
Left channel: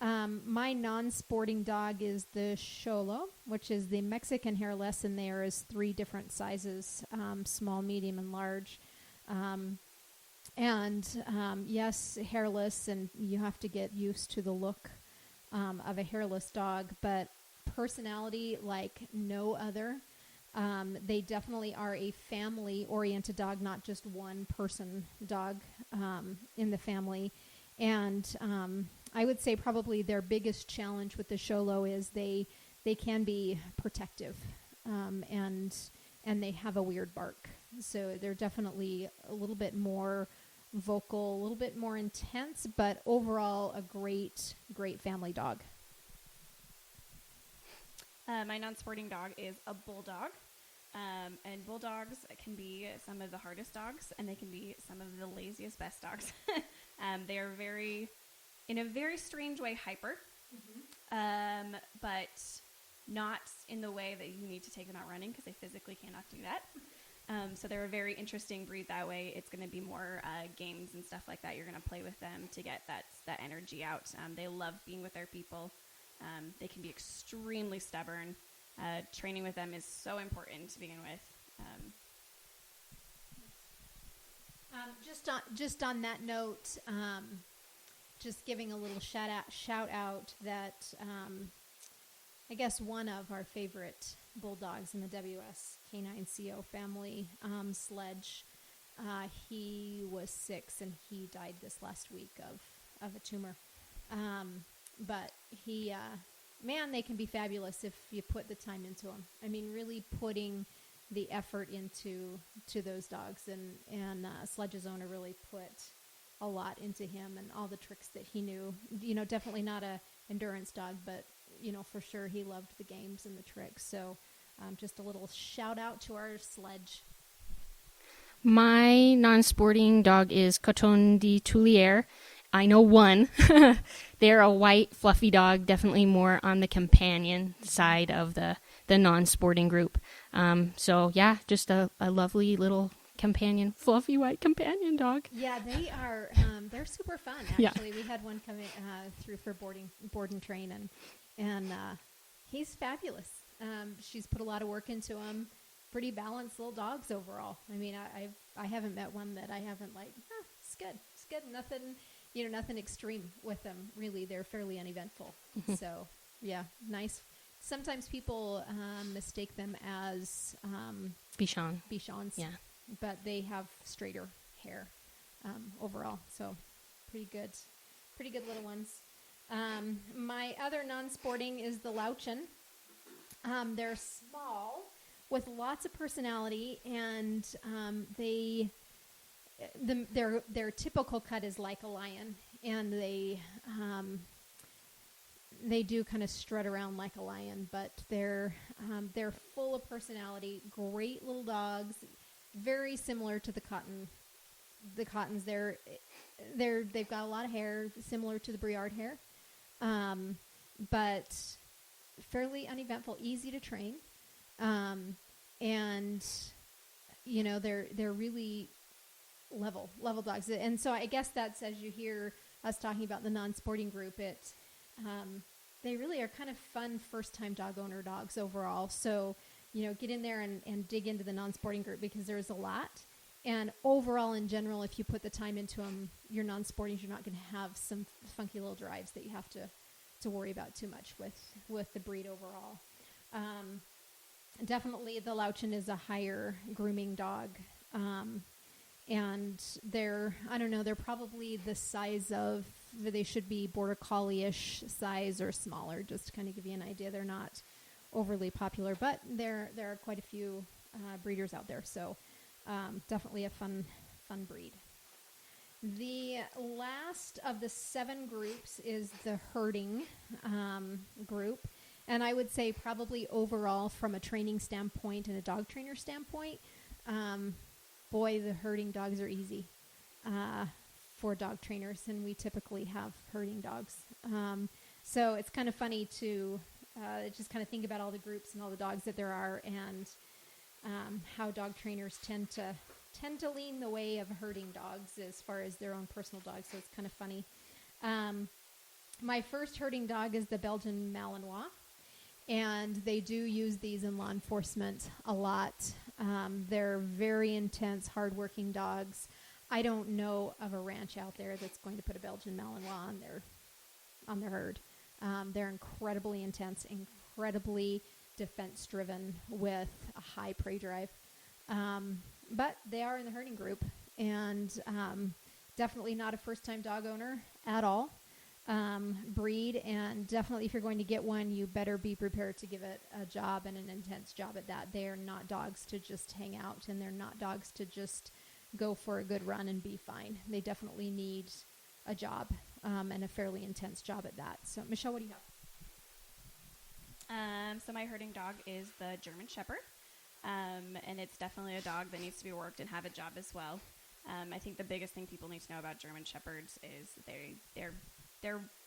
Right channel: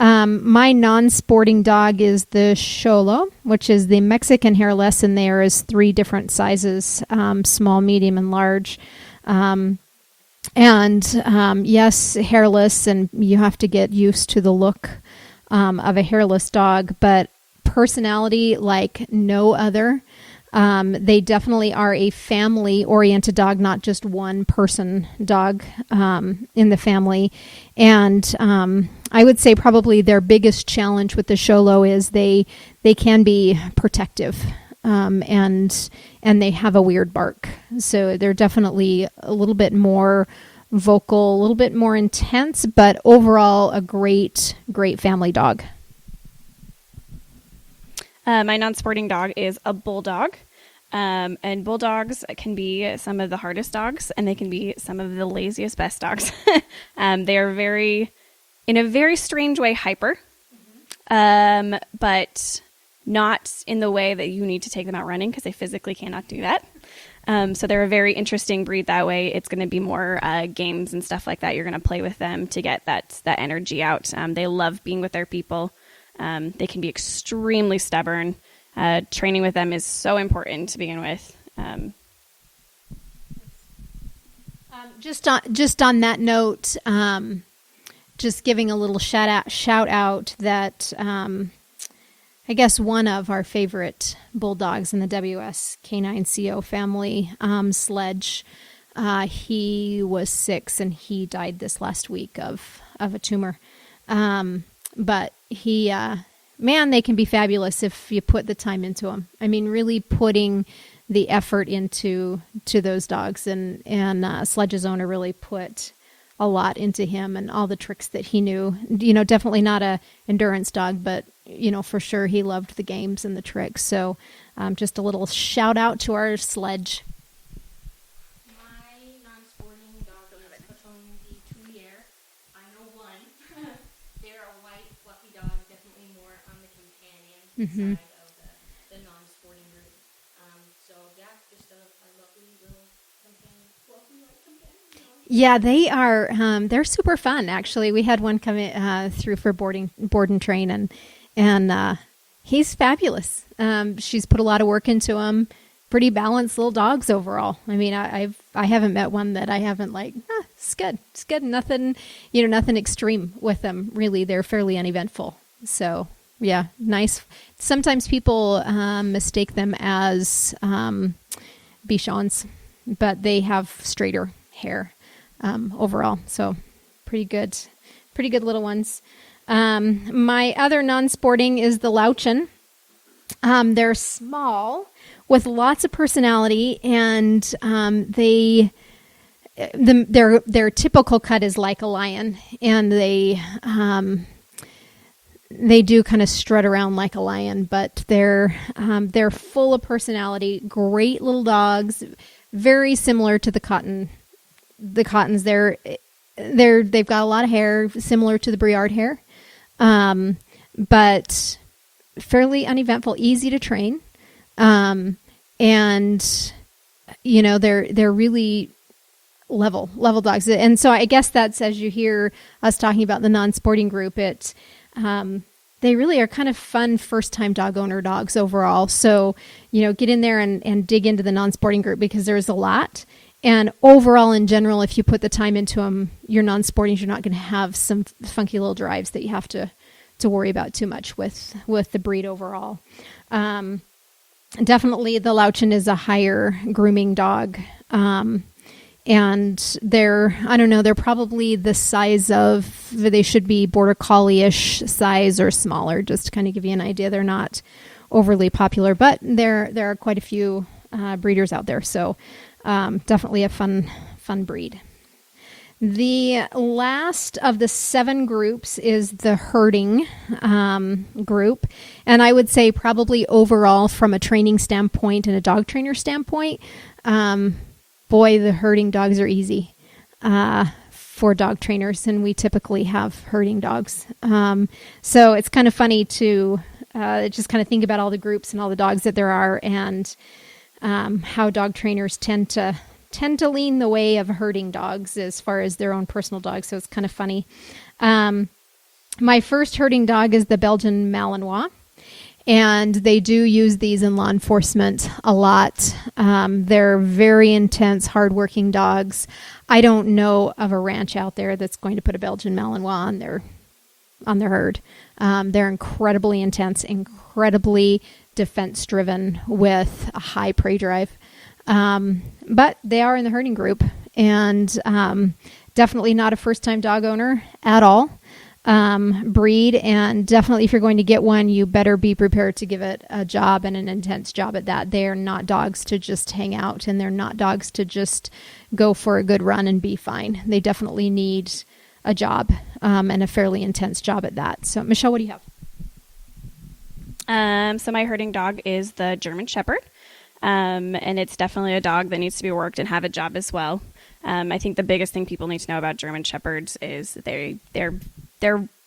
My non-sporting dog is the Xolo, which is the Mexican hairless, and there is 3 different sizes, small, medium, and large. Yes, hairless, and you have to get used to the look of a hairless dog, but personality like no other. They definitely are a family-oriented dog, not just one person dog in the family. And I would say probably their biggest challenge with the Xolo is they can be protective, and they have a weird bark. So they're definitely a little bit more vocal, a little bit more intense, but overall a great family dog. My non-sporting dog is a bulldog. And bulldogs can be some of the hardest dogs, and they can be some of the laziest, best dogs. They are in a very strange way, hyper, but not in the way that you need to take them out running, because they physically cannot do that. So they're a very interesting breed that way. It's going to be more games and stuff like that. You're going to play with them to get that energy out. They love being with their people. They can be extremely stubborn. Training with them is so important to begin with. Just on that note, just giving a little shout out that I guess one of our favorite bulldogs in the WS K9CO family, Sledge, he was 6 and he died this last week of a tumor. But he, man, they can be fabulous if you put the time into them. I mean, really putting the effort into those dogs, and Sledge's owner really put a lot into him and all the tricks that he knew. Definitely not a endurance dog, but for sure he loved the games and the tricks. So just a little shout out to our Sledge. My non-sporting dog is Coton de Tulier. I know one. They're a white, fluffy dog, definitely more on the companion side of the non-sporting group. So, yeah, just a lovely little companion, fluffy white companion dog. Yeah, they are. They're super fun, actually. Yeah. We had one come in, through for board and train, and he's fabulous. She's put a lot of work into him. Pretty balanced little dogs overall. I mean, I haven't met one that I haven't it's good. Nothing, nothing extreme with them. Really, they're fairly uneventful. Mm-hmm. So yeah, nice. Sometimes people mistake them as Bichons, yeah. But they have straighter hair overall. So pretty good little ones. My other non-sporting is the Lauchen. They're small with lots of personality, and their typical cut is like a lion, and they do kind of strut around like a lion, but they're full of personality. Great little dogs, very similar to the Cottons. They've got a lot of hair, similar to the Briard hair, but fairly uneventful, easy to train. And they're really level dogs. And so I guess that's, as you hear us talking about the non-sporting group, they really are kind of fun first-time dog owner dogs overall. So, get in there and dig into the non-sporting group, because there's a lot. And overall, in general, if you put the time into them, your non-sportings, you're not going to have some funky little drives that you have to worry about too much with the breed overall. Definitely the Lauchen is a higher grooming dog. And they're probably the size of, they should be border collie-ish size or smaller, just to kind of give you an idea. They're not overly popular, but there are quite a few breeders out there. So definitely a fun breed. The last of the 7 groups is the herding group. And I would say probably overall from a training standpoint and a dog trainer standpoint, boy, the herding dogs are easy for dog trainers. And we typically have herding dogs. So it's kind of funny to just kind of think about all the groups and all the dogs that there are and how dog trainers tend to lean the way of herding dogs as far as their own personal dogs. So it's kind of funny. My first herding dog is the Belgian Malinois, and they do use these in law enforcement a lot. They're very intense, hardworking dogs. I don't know of a ranch out there that's going to put a Belgian Malinois on their herd. They're incredibly intense, incredibly defense driven with a high prey drive. But they are in the herding group, and definitely not a first-time dog owner at all breed. And definitely if you're going to get one, you better be prepared to give it a job and an intense job at that. They are not dogs to just hang out, and they're not dogs to just go for a good run and be fine. They definitely need a job and a fairly intense job at that. So, Michelle, what do you have? So my herding dog is the German Shepherd. And it's definitely a dog that needs to be worked and have a job as well. I think the biggest thing people need to know about German Shepherds is they're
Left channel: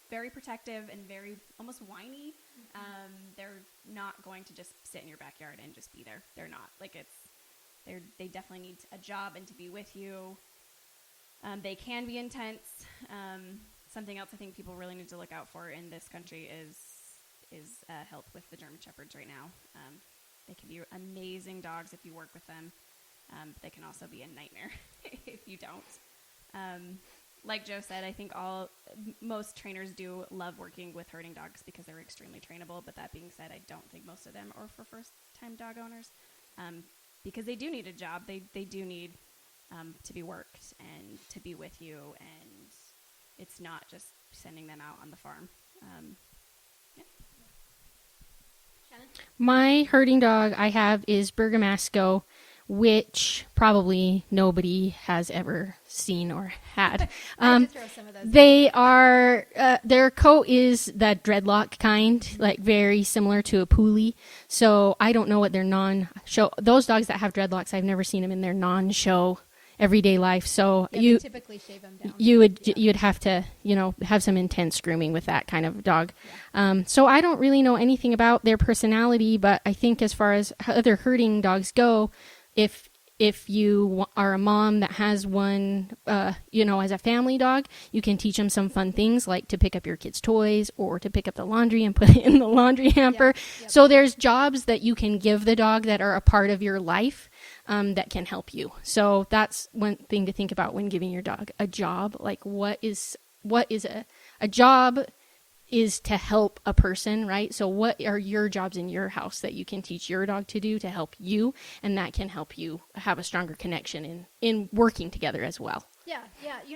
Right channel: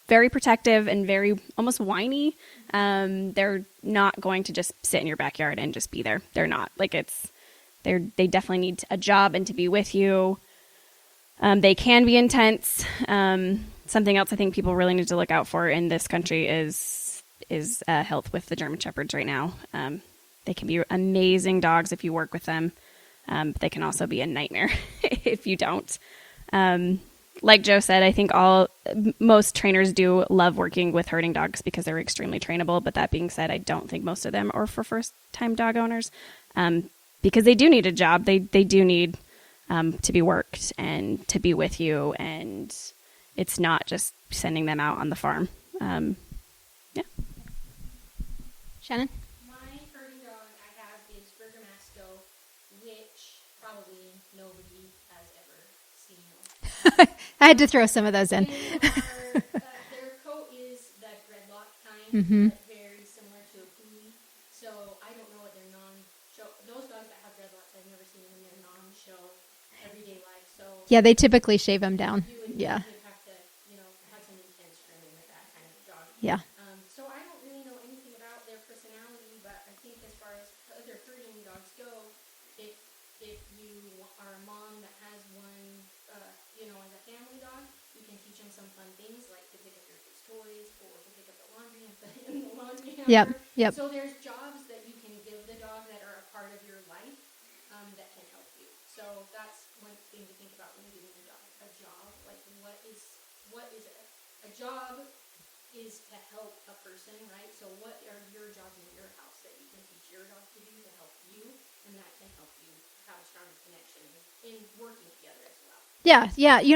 very protective and very almost whiny. They're not going to just sit in your backyard and just be there. They're not. They definitely need a job and to be with you. They can be intense. Something else I think people really need to look out for in this country is health with the German Shepherds right now. They can be amazing dogs if you work with them. But they can also be a nightmare if you don't. Like Joe said, I think most trainers do love working with herding dogs because they're extremely trainable. But that being said, I don't think most of them are for first-time dog owners because they do need a job. They do need to be worked and to be with you. And it's not just sending them out on the farm. Shannon? My herding dog I have is Bergamasco, which probably nobody has ever seen or had. I had to throw some of those in. They are, their coat is that dreadlock kind, like very similar to a Puli. So I don't know what their non-show, those dogs that have dreadlocks, I've never seen them in their non-show everyday life. So yeah, they typically shave them down. You'd have to, have some intense grooming with that kind of dog. Yeah. So I don't really know anything about their personality, but I think as far as other herding dogs go, if you are a mom that has one, as a family dog, you can teach them some fun things like to pick up your kids' toys or to pick up the laundry and put it in the laundry hamper. Yep. So there's jobs that you can give the dog that are a part of your life. That can help you. So that's one thing to think about when giving your dog a job. Like what is a job is to help a person, right? So what are your jobs in your house that you can teach your dog to do to help you? And that can help you have a stronger connection in working together as well. Yeah.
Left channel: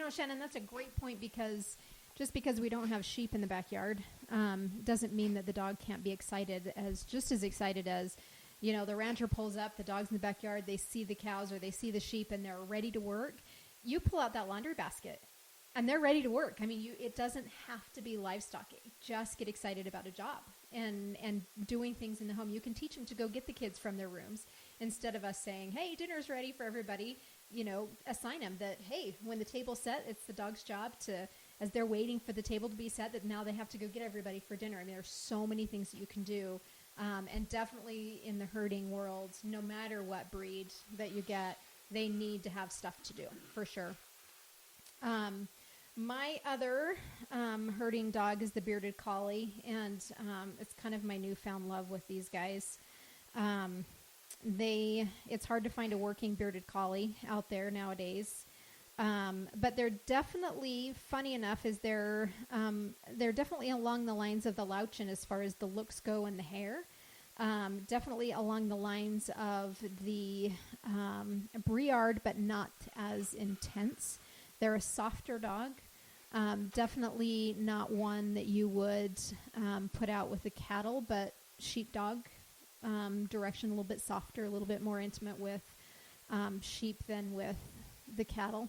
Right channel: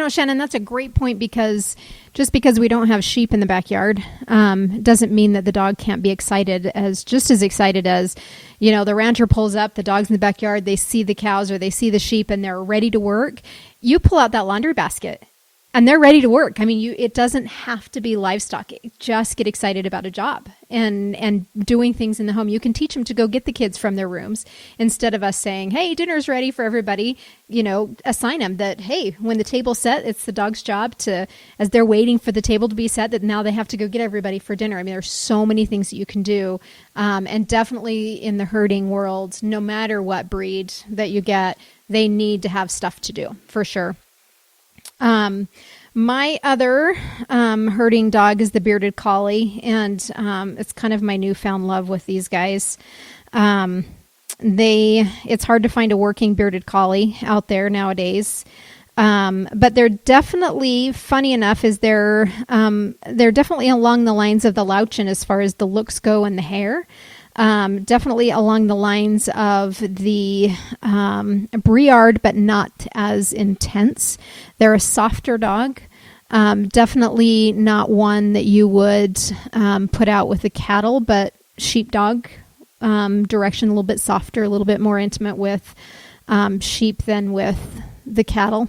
Shannon, that's a great point because just because we don't have sheep in the backyard doesn't mean that the dog can't be just as excited as, the rancher pulls up, the dog's in the backyard, they see the cows or they see the sheep and they're ready to work. You pull out that laundry basket and they're ready to work. I mean, it doesn't have to be livestock. Just get excited about a job and doing things in the home. You can teach them to go get the kids from their rooms instead of us saying, hey, dinner's ready for everybody. Assign them that, hey, when the table's set, it's the dog's job to, as they're waiting for the table to be set, that now they have to go get everybody for dinner. I mean, there's so many things that you can do. And definitely in the herding world, no matter what breed that you get, they need to have stuff to do for sure. My other herding dog is the bearded collie, and it's kind of my newfound love with these guys. It's hard to find a working bearded collie out there nowadays. But they're definitely, funny enough, they're definitely along the lines of the Lauchen as far as the looks go and the hair. Definitely along the lines of the Briard, but not as intense. They're a softer dog. Definitely not one that you would put out with the cattle, but sheepdog direction, a little bit softer, a little bit more intimate with sheep than with the cattle.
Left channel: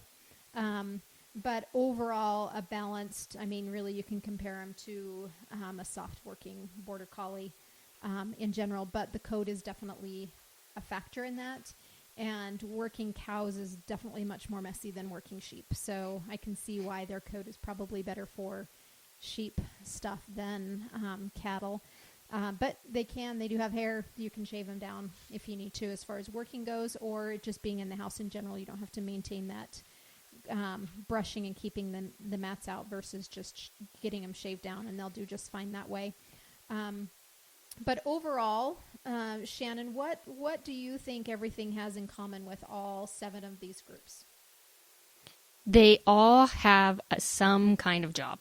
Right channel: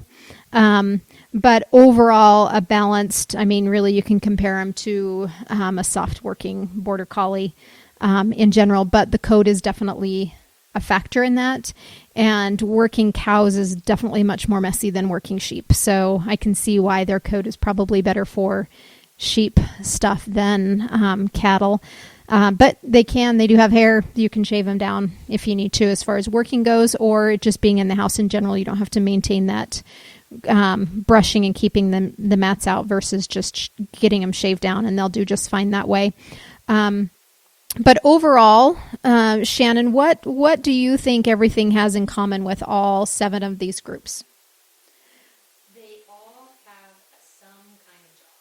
But overall, a balanced, I mean, really you can compare them to a soft working border collie in general, but the coat is definitely a factor in that. And working cows is definitely much more messy than working sheep. So I can see why their coat is probably better for sheep stuff than cattle. But they do have hair. You can shave them down if you need to as far as working goes, or just being in the house in general. You don't have to maintain that brushing and keeping the mats out versus just getting them shaved down, and they'll do just fine that way. But overall, Shannon, what do you think everything has in common with all 7 of these groups? They all have some kind of job.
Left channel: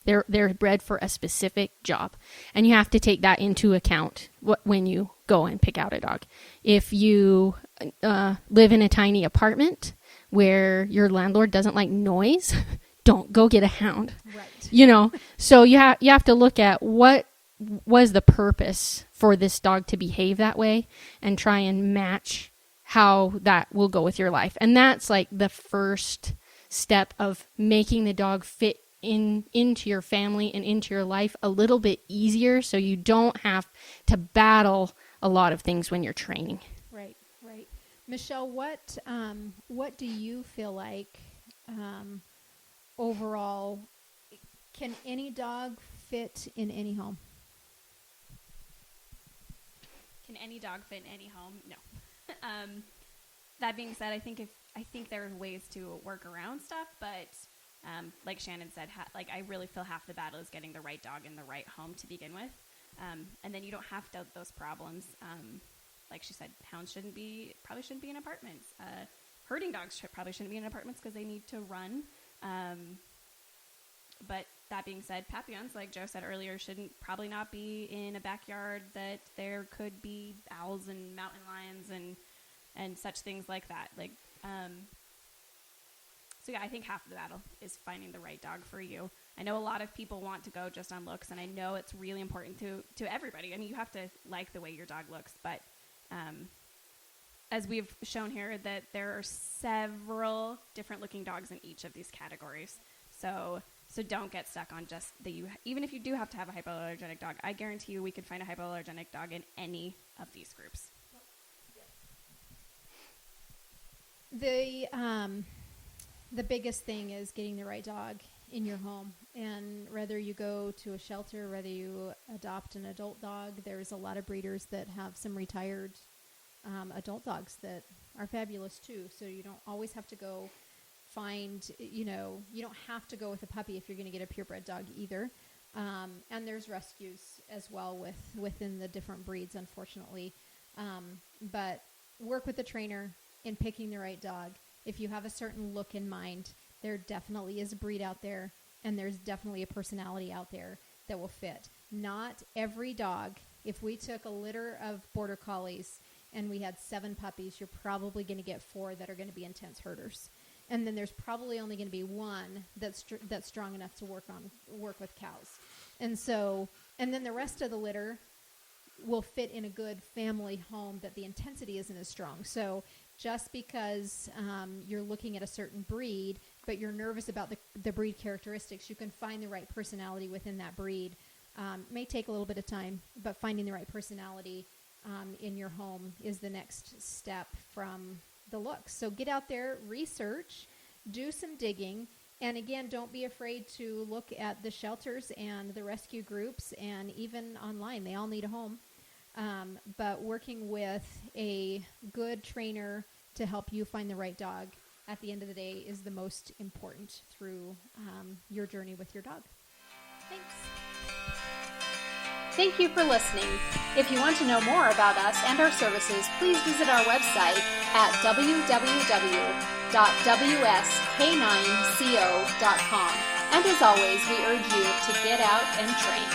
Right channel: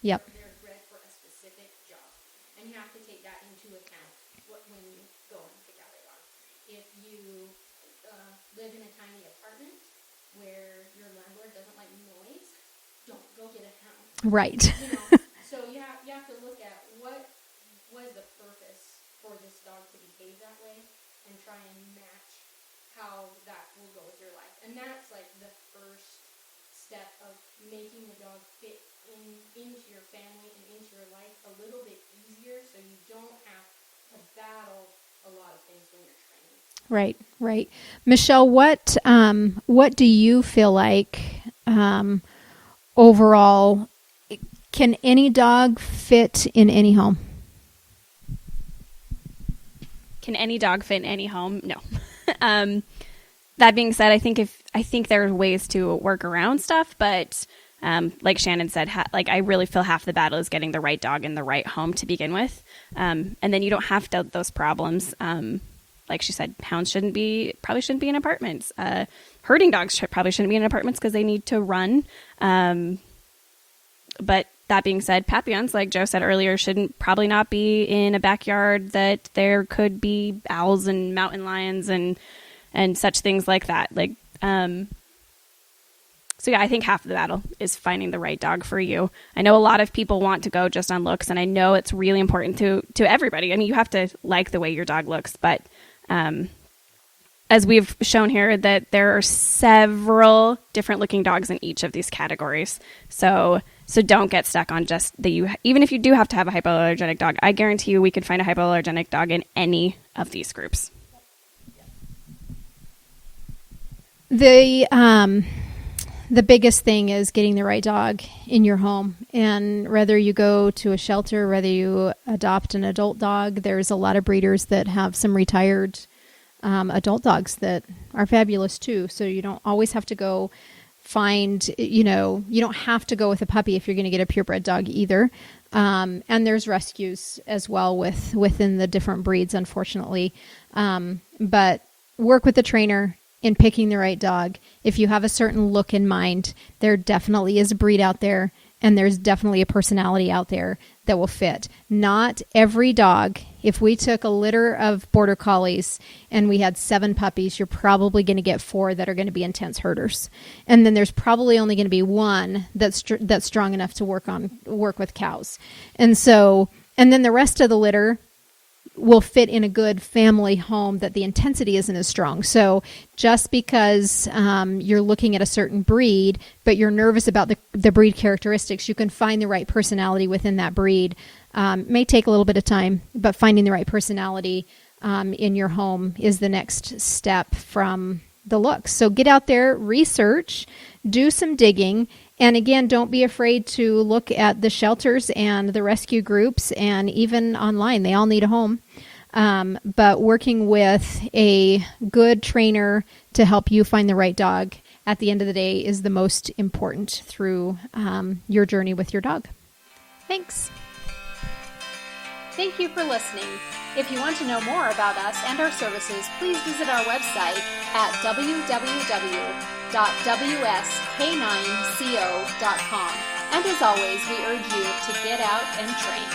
Yep. They're bred for a specific job, and you have to take that into account when you go and pick out a dog. If you live in a tiny apartment where your landlord doesn't like noise, don't go get a hound. Right. So you have to look at what was the purpose for this dog to behave that way and try and match how that will go with your life. And that's like the first step of making the dog fit into your family and into your life a little bit easier, so you don't have to battle a lot of things when you're training. Right. Michelle, what do you feel like overall, can any dog fit in any home? Can any dog fit in any home? No. That being said, I think there are ways to work around stuff, but like Shannon said, I really feel half the battle is getting the right dog in the right home to begin with, and then you don't have those problems. Like she said, hounds probably shouldn't be in apartments. Herding dogs probably shouldn't be in apartments because they need to run. But that being said, Papillons, like Joe said earlier, probably not be in a backyard that there could be owls and mountain lions and such things like that. So yeah, I think half of the battle is finding the right dog for you. I know a lot of people want to go just on looks, and I know it's really important to everybody. I mean, you have to like the way your dog looks, but as we've shown here, that there are several different looking dogs in each of these categories. So don't get stuck on just even if you do have to have a hypoallergenic dog, I guarantee you we could find a hypoallergenic dog in any of these groups. The biggest thing is getting the right dog in your home. And whether you go to a shelter, whether you adopt an adult dog, there's a lot of breeders that have some retired adult dogs that are fabulous too. So you don't always have to go find, you don't have to go with a puppy if you're going to get a purebred dog either. And there's rescues as well within the different breeds, unfortunately. But work with the trainer in picking the right dog. If you have a certain look in mind, there definitely is a breed out there, and there's definitely a personality out there that will fit. Not every dog. If we took a litter of border collies and we had 7 puppies, you're probably going to get 4 that are going to be intense herders. And then there's probably only going to be 1 that's strong enough to work with cows. And then the rest of the litter will fit in a good family home that the intensity isn't as strong. So just because you're looking at a certain breed, but you're nervous about the breed characteristics, you can find the right personality within that breed. May take a little bit of time, but finding the right personality in your home is the next step from the looks. So get out there, research, do some digging. And again, don't be afraid to look at the shelters and the rescue groups, and even online. They all need a home. But working with a good trainer to help you find the right dog at the end of the day is the most important through your journey with your dog. Thanks. Thank you for listening. If you want to know more about us and our services, please visit our website at www.wsk9co.com. And as always, we urge you to get out and train.